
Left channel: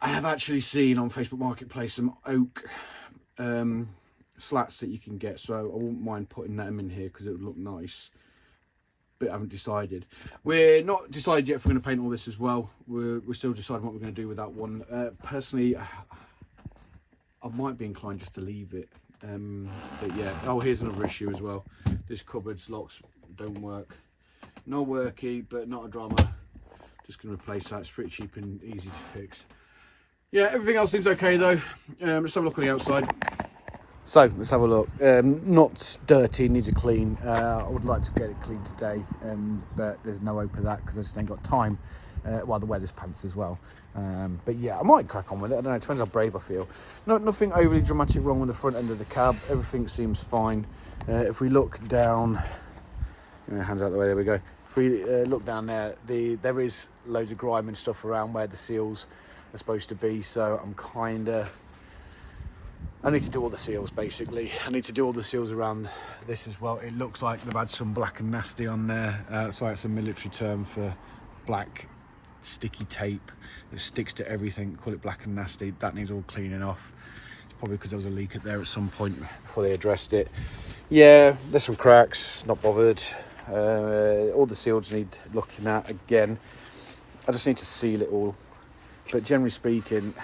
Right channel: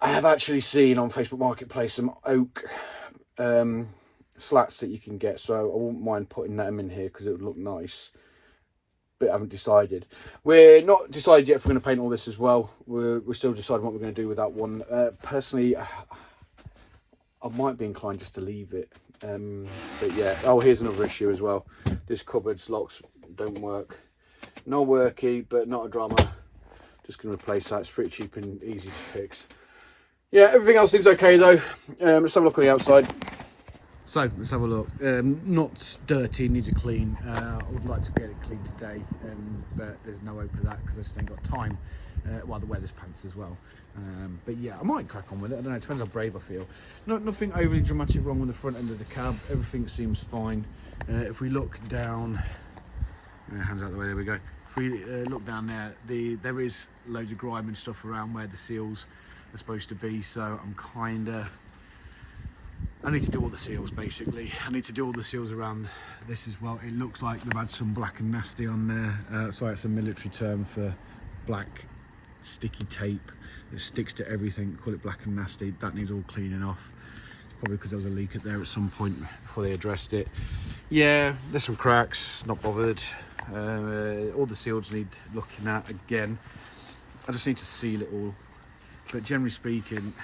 I have actually seen on Facebook Marketplace some oak slats that you can get, so I wouldn't mind putting them in here because it would look nice. But I haven't decided. We're not decided yet if we're going to paint all this as well. We're still deciding what we're going to do with that one. Personally, I might be inclined just to leave it. But yeah, oh, here's another issue as well. This cupboard's locks don't work. No worky, but not a drama. Just going to replace that. It's pretty cheap and easy to fix. Yeah, everything else seems okay though. Let's have a look on the outside. So let's have a look. Not dirty, needs a clean. I would like to get it clean today, but there's no hope of that because I just ain't got time. Well, the weather's pants as well. But yeah, I might crack on with it. I don't know, it depends how brave I feel. Nothing overly dramatic wrong with the front end of the cab. Everything seems fine. If we look down, hands out the way, there we go. If we look down there, there is loads of grime and stuff around where the seals are supposed to be, so I need to do all the seals basically. I need to do all the seals around this as well. It looks like they've had some black and nasty on there. Sorry, it's a military term for black sticky tape that sticks to everything. Call it black and nasty. That needs all cleaning off. It's probably because there was a leak at there at some point before they addressed it. Yeah, there's some cracks, not bothered. All the seals need looking at again. I just need to seal it all. But generally speaking,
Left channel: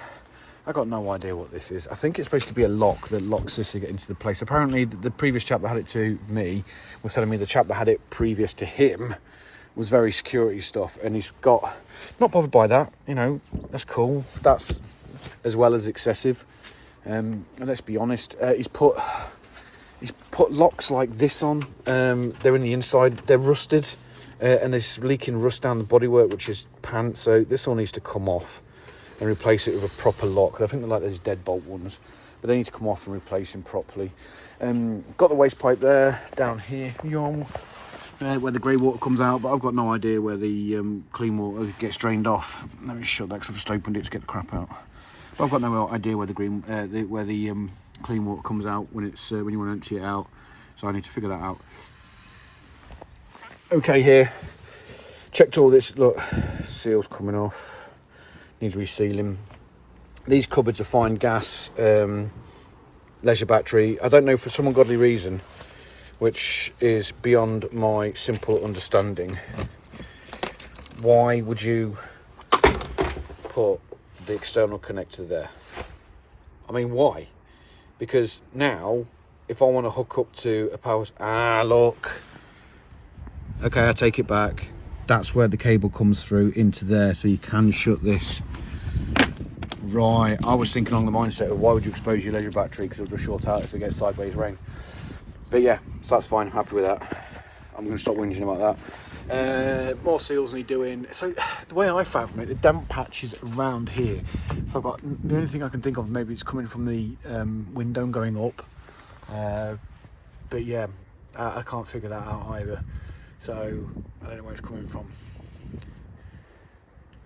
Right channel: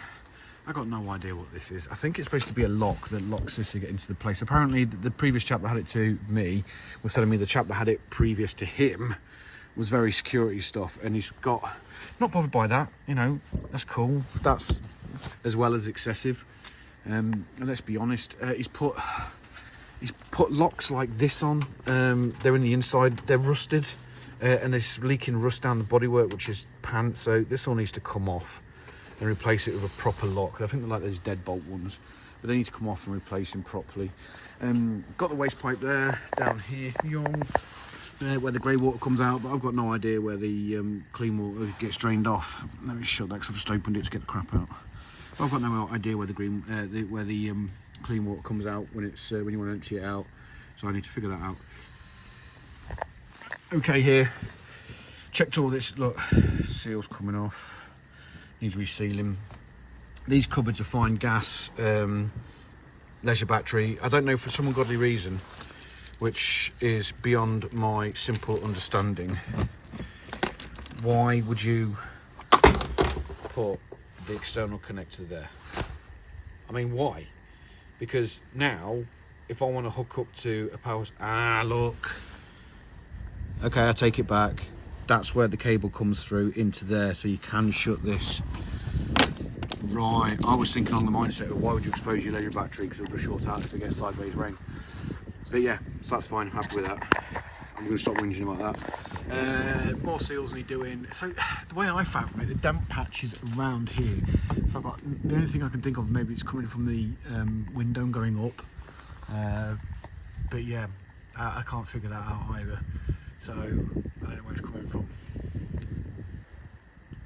I got no idea what this is. I think it's supposed to be a lock that locks this to get into the place. Apparently, the previous chap that had it to me was telling me the chap that had it previous to him was very security stuff, and he's got, not bothered by that, you know, that's cool. That's as well as excessive. And let's be honest, he's put locks like this on. They're in the inside, they're rusted, and there's leaking rust down the bodywork, which is pants. So this all needs to come off and replace it with a proper lock. I think they're like those deadbolt ones, but they need to come off and replace them properly. Got the waste pipe there, down here, where the grey water comes out, but I've got no idea where the clean water gets drained off. Let me shut that because I just opened it to get the crap out. But I've got no idea where the clean water comes out when you want to empty it out. So I need to figure that out. Okay, here, checked all this. Look, seals coming off. Needs resealing. These cupboards are fine. Gas, leisure battery. I don't know, for some ungodly reason, which is beyond my simple understanding, why would you put the external connector there? I mean, why? Because now, if I want to hook up to a power... look. Okay, I take it back. That's where the cable comes through into there, so you can shut this. Right, I was thinking on the mindset of why would you expose your leisure battery, because it'll just short out if it gets sideways rain. But yeah, so that's fine, I'm happy with that. I'm going to stop whinging about that. More seals need doing. So the way I fathom it, the damp patch is around here. So I've got, the only thing I can think of, maybe it's coming from the window and going up. But yeah, I can't figure that out either. So I don't know where it's coming from.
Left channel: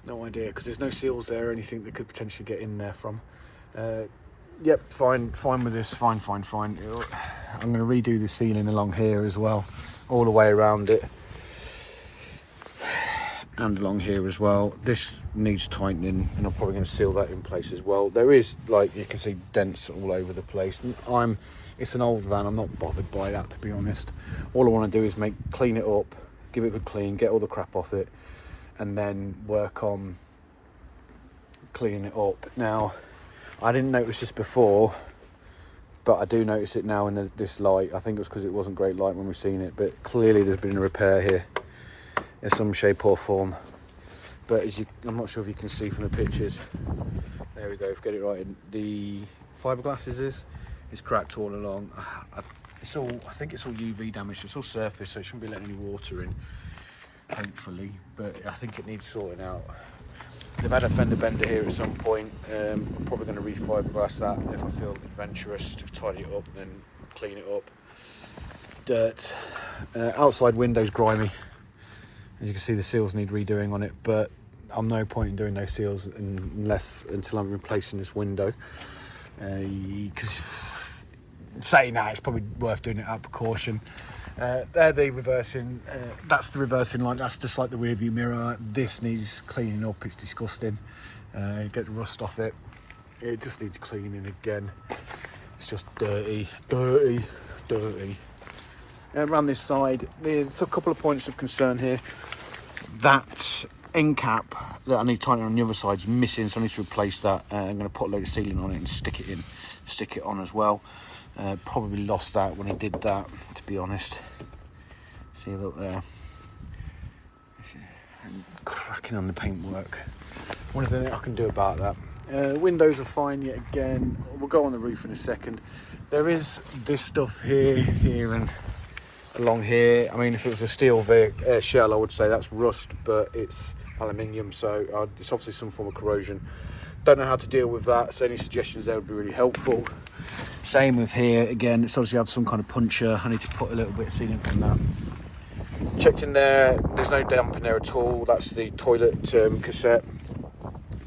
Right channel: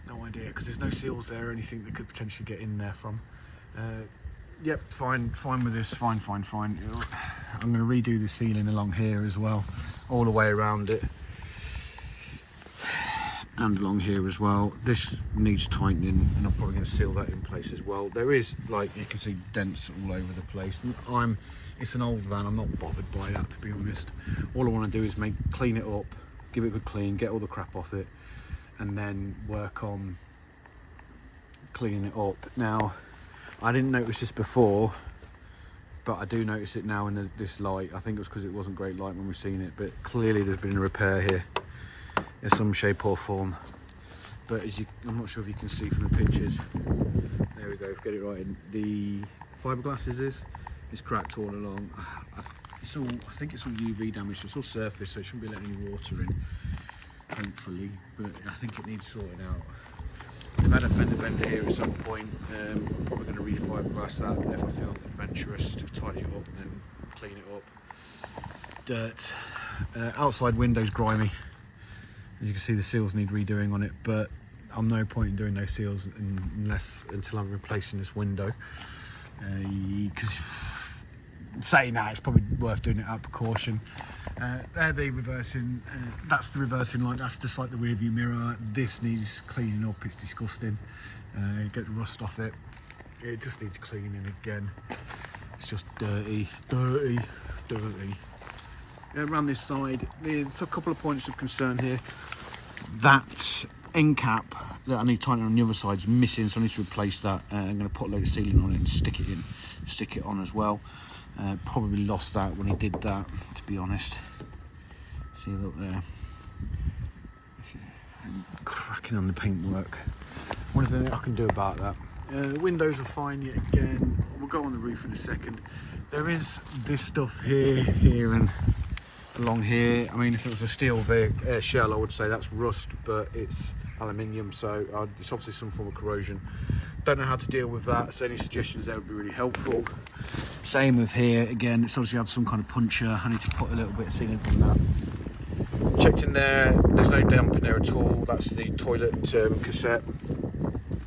No idea, because there's no seals there or anything that could potentially get in there from. Yep, fine with this, fine. I'm going to redo the ceiling along here as well, all the way around it, and along here as well. This needs tightening, and I'm probably going to seal that in place as well. There is, like you can see, dents all over the place. And it's an old van, I'm not bothered by that, to be honest. All I want to do is clean it up, give it a good clean, get all the crap off it, and then work on cleaning it up. Now, I didn't notice this before, but I do notice it now in this light. I think it was because it wasn't great light when we seen it, but clearly there's been a repair here in some shape or form. But I'm not sure if you can see from the pictures. There we go, get it right in. The fiberglass is cracked all along. I think it's all UV damage. It's all surface, so it shouldn't be letting any water in, hopefully. But I think it needs sorting out. They've had a fender bender here at some point. I'm probably going to re-fiberglass that if I feel adventurous, to tidy it up and clean it up. Dirt. Outside window's grimy. As you can see, the seals need redoing on it, but I'm no point in doing those seals until I'm replacing this window. Because saying that, it's probably worth doing it out of precaution. They're the reversing, that's the reversing light, that's just like the rear view mirror. This needs cleaning up, it's disgusting. Get the rust off it. It just needs cleaning again. It's just dirty. Around this side, there's a couple of points of concern here. That end cap that I need to tighten on the other side is missing, so I need to replace that. I'm going to put a load of sealant on it and stick it on as well. Probably lost that when I did that, to be honest. See, look there. Cracking on the paintwork. One thing I can do about that. Windows are fine yet again. We'll go on the roof in a second. There is this stuff here and along here. I mean, if it was a steel shell, I would say that's rust, but it's aluminium, so it's obviously some form of corrosion. Don't know how to deal with that, so any suggestions there would be really helpful. Same with here, again, it's obviously had some kind of puncture. I need to put a little bit of sealant on that. Checked in there, there's no damp in there at all. That's the toilet cassette.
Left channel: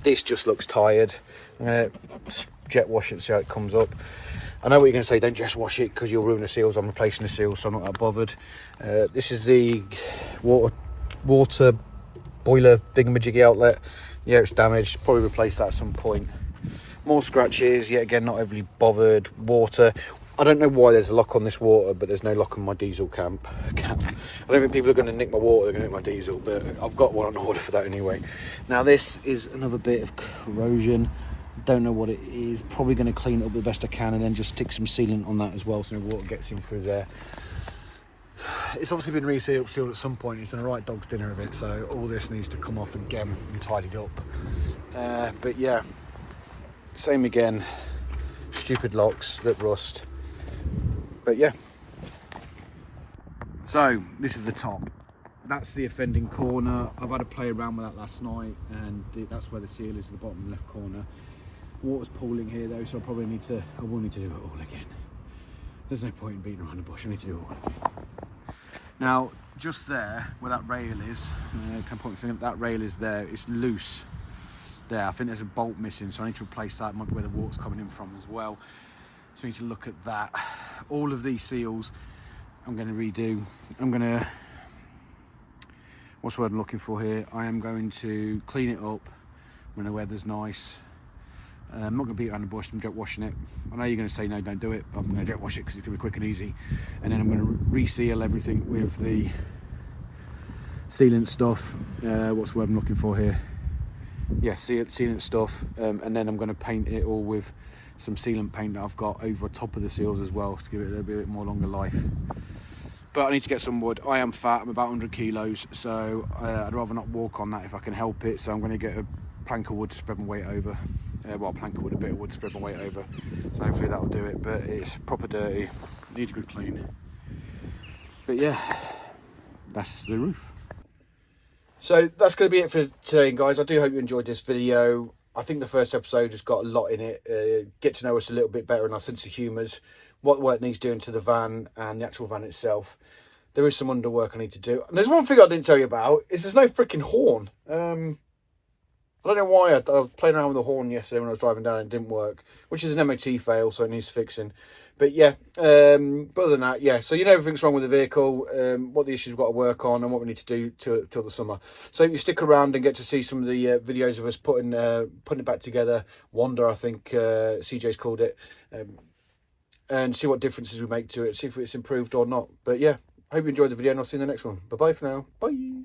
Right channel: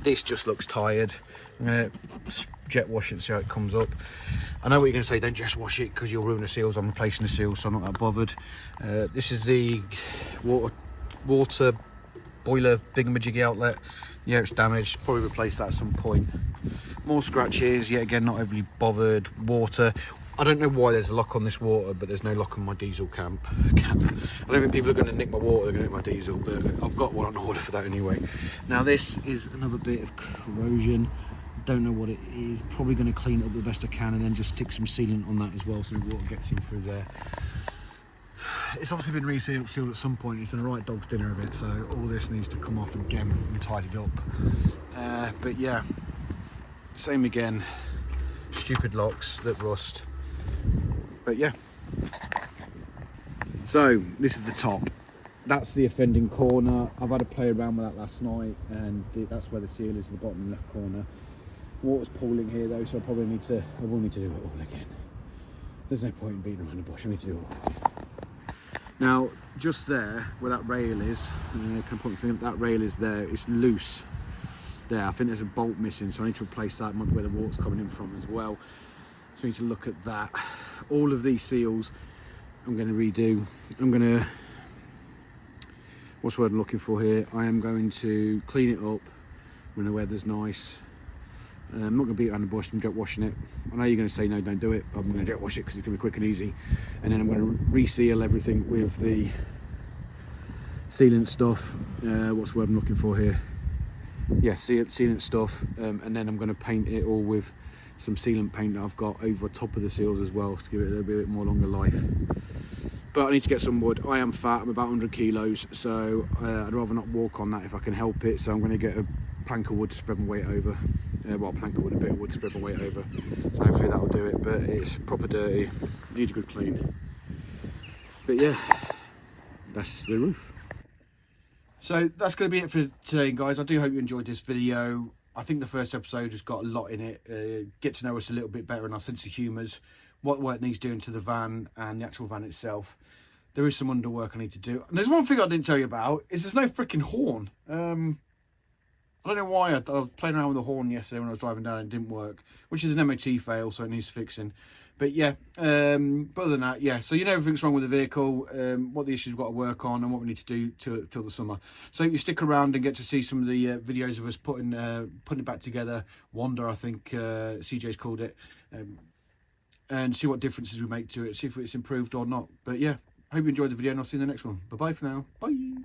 This just looks tired. I'm going to jet wash it, see how it comes up. I know what you're going to say, don't just wash it because you'll ruin the seals. I'm replacing the seals, so I'm not that bothered. This is the water boiler thingamajiggy outlet. Yeah, it's damaged, probably replace that at some point. More scratches, yet again, not overly bothered. Water, I don't know why there's a lock on this water, but there's no lock on my diesel cap. I don't think people are going to nick my water, they're going to nick my diesel, but I've got one on order for that anyway. Now this is another bit of corrosion. Don't know what it is. Probably going to clean it up the best I can and then just stick some sealant on that as well so water gets in through there. It's obviously been resealed at some point. It's done a right dog's dinner of it, so all this needs to come off again and tidied up. But yeah, same again. Stupid locks that rust. But yeah. So this is the top. That's the offending corner. I've had to play around with that last night, and that's where the seal is, the bottom left corner. Water's pooling here though, so I will need to do it all again. There's no point in beating around the bush. I need to do it all again. Now, just there where that rail is, can I point my finger? That rail is there. It's loose there. I think there's a bolt missing, so I need to replace that. It might be where the water's coming in from as well. So I need to look at that. All of these seals I'm going to redo. I'm going to, what's the word I'm looking for here? I am going to clean it up when the weather's nice. I'm not going to beat around the bush and jet washing it. I know you're going to say no, don't do it, but I'm going to jet wash it because it's going to be quick and easy. And then I'm going to reseal everything with the sealant stuff. What's the word I'm looking for here? Yeah, sealant stuff. And then I'm going to paint it all with some sealant paint that I've got over top of the seals as well to give it a little bit more longer life. But I need to get some wood. I am fat, I'm about 100 kilos, so I'd rather not walk on that if I can help it. So I'm going to get a plank of wood to spread my weight over. Well, a plank of wood, a bit of wood to spread my weight over. So hopefully that'll do it, but it's proper dirty. Needs a good clean. But yeah, that's the roof. So that's going to be it for today, guys. I do hope you enjoyed this video. I think the first episode has got a lot in it. Get to know us a little bit better and our sense of humours. What work needs doing to the van and the actual van itself. There is some underwork I need to do. And there's one thing I didn't tell you about, is there's no freaking horn. I don't know why. I was playing around with the horn yesterday when I was driving down and it didn't work, which is an MOT fail, so it needs fixing. But yeah, but other than that, yeah. So you know everything's wrong with the vehicle, what the issues we've got to work on and what we need to do till the summer. So if you stick around and get to see some of the videos of us putting it back together, Wonder, I think CJ's called it, and see what differences we make to it, see if it's improved or not. But yeah, hope you enjoyed the video and I'll see you in the next one. Bye-bye for now. Bye.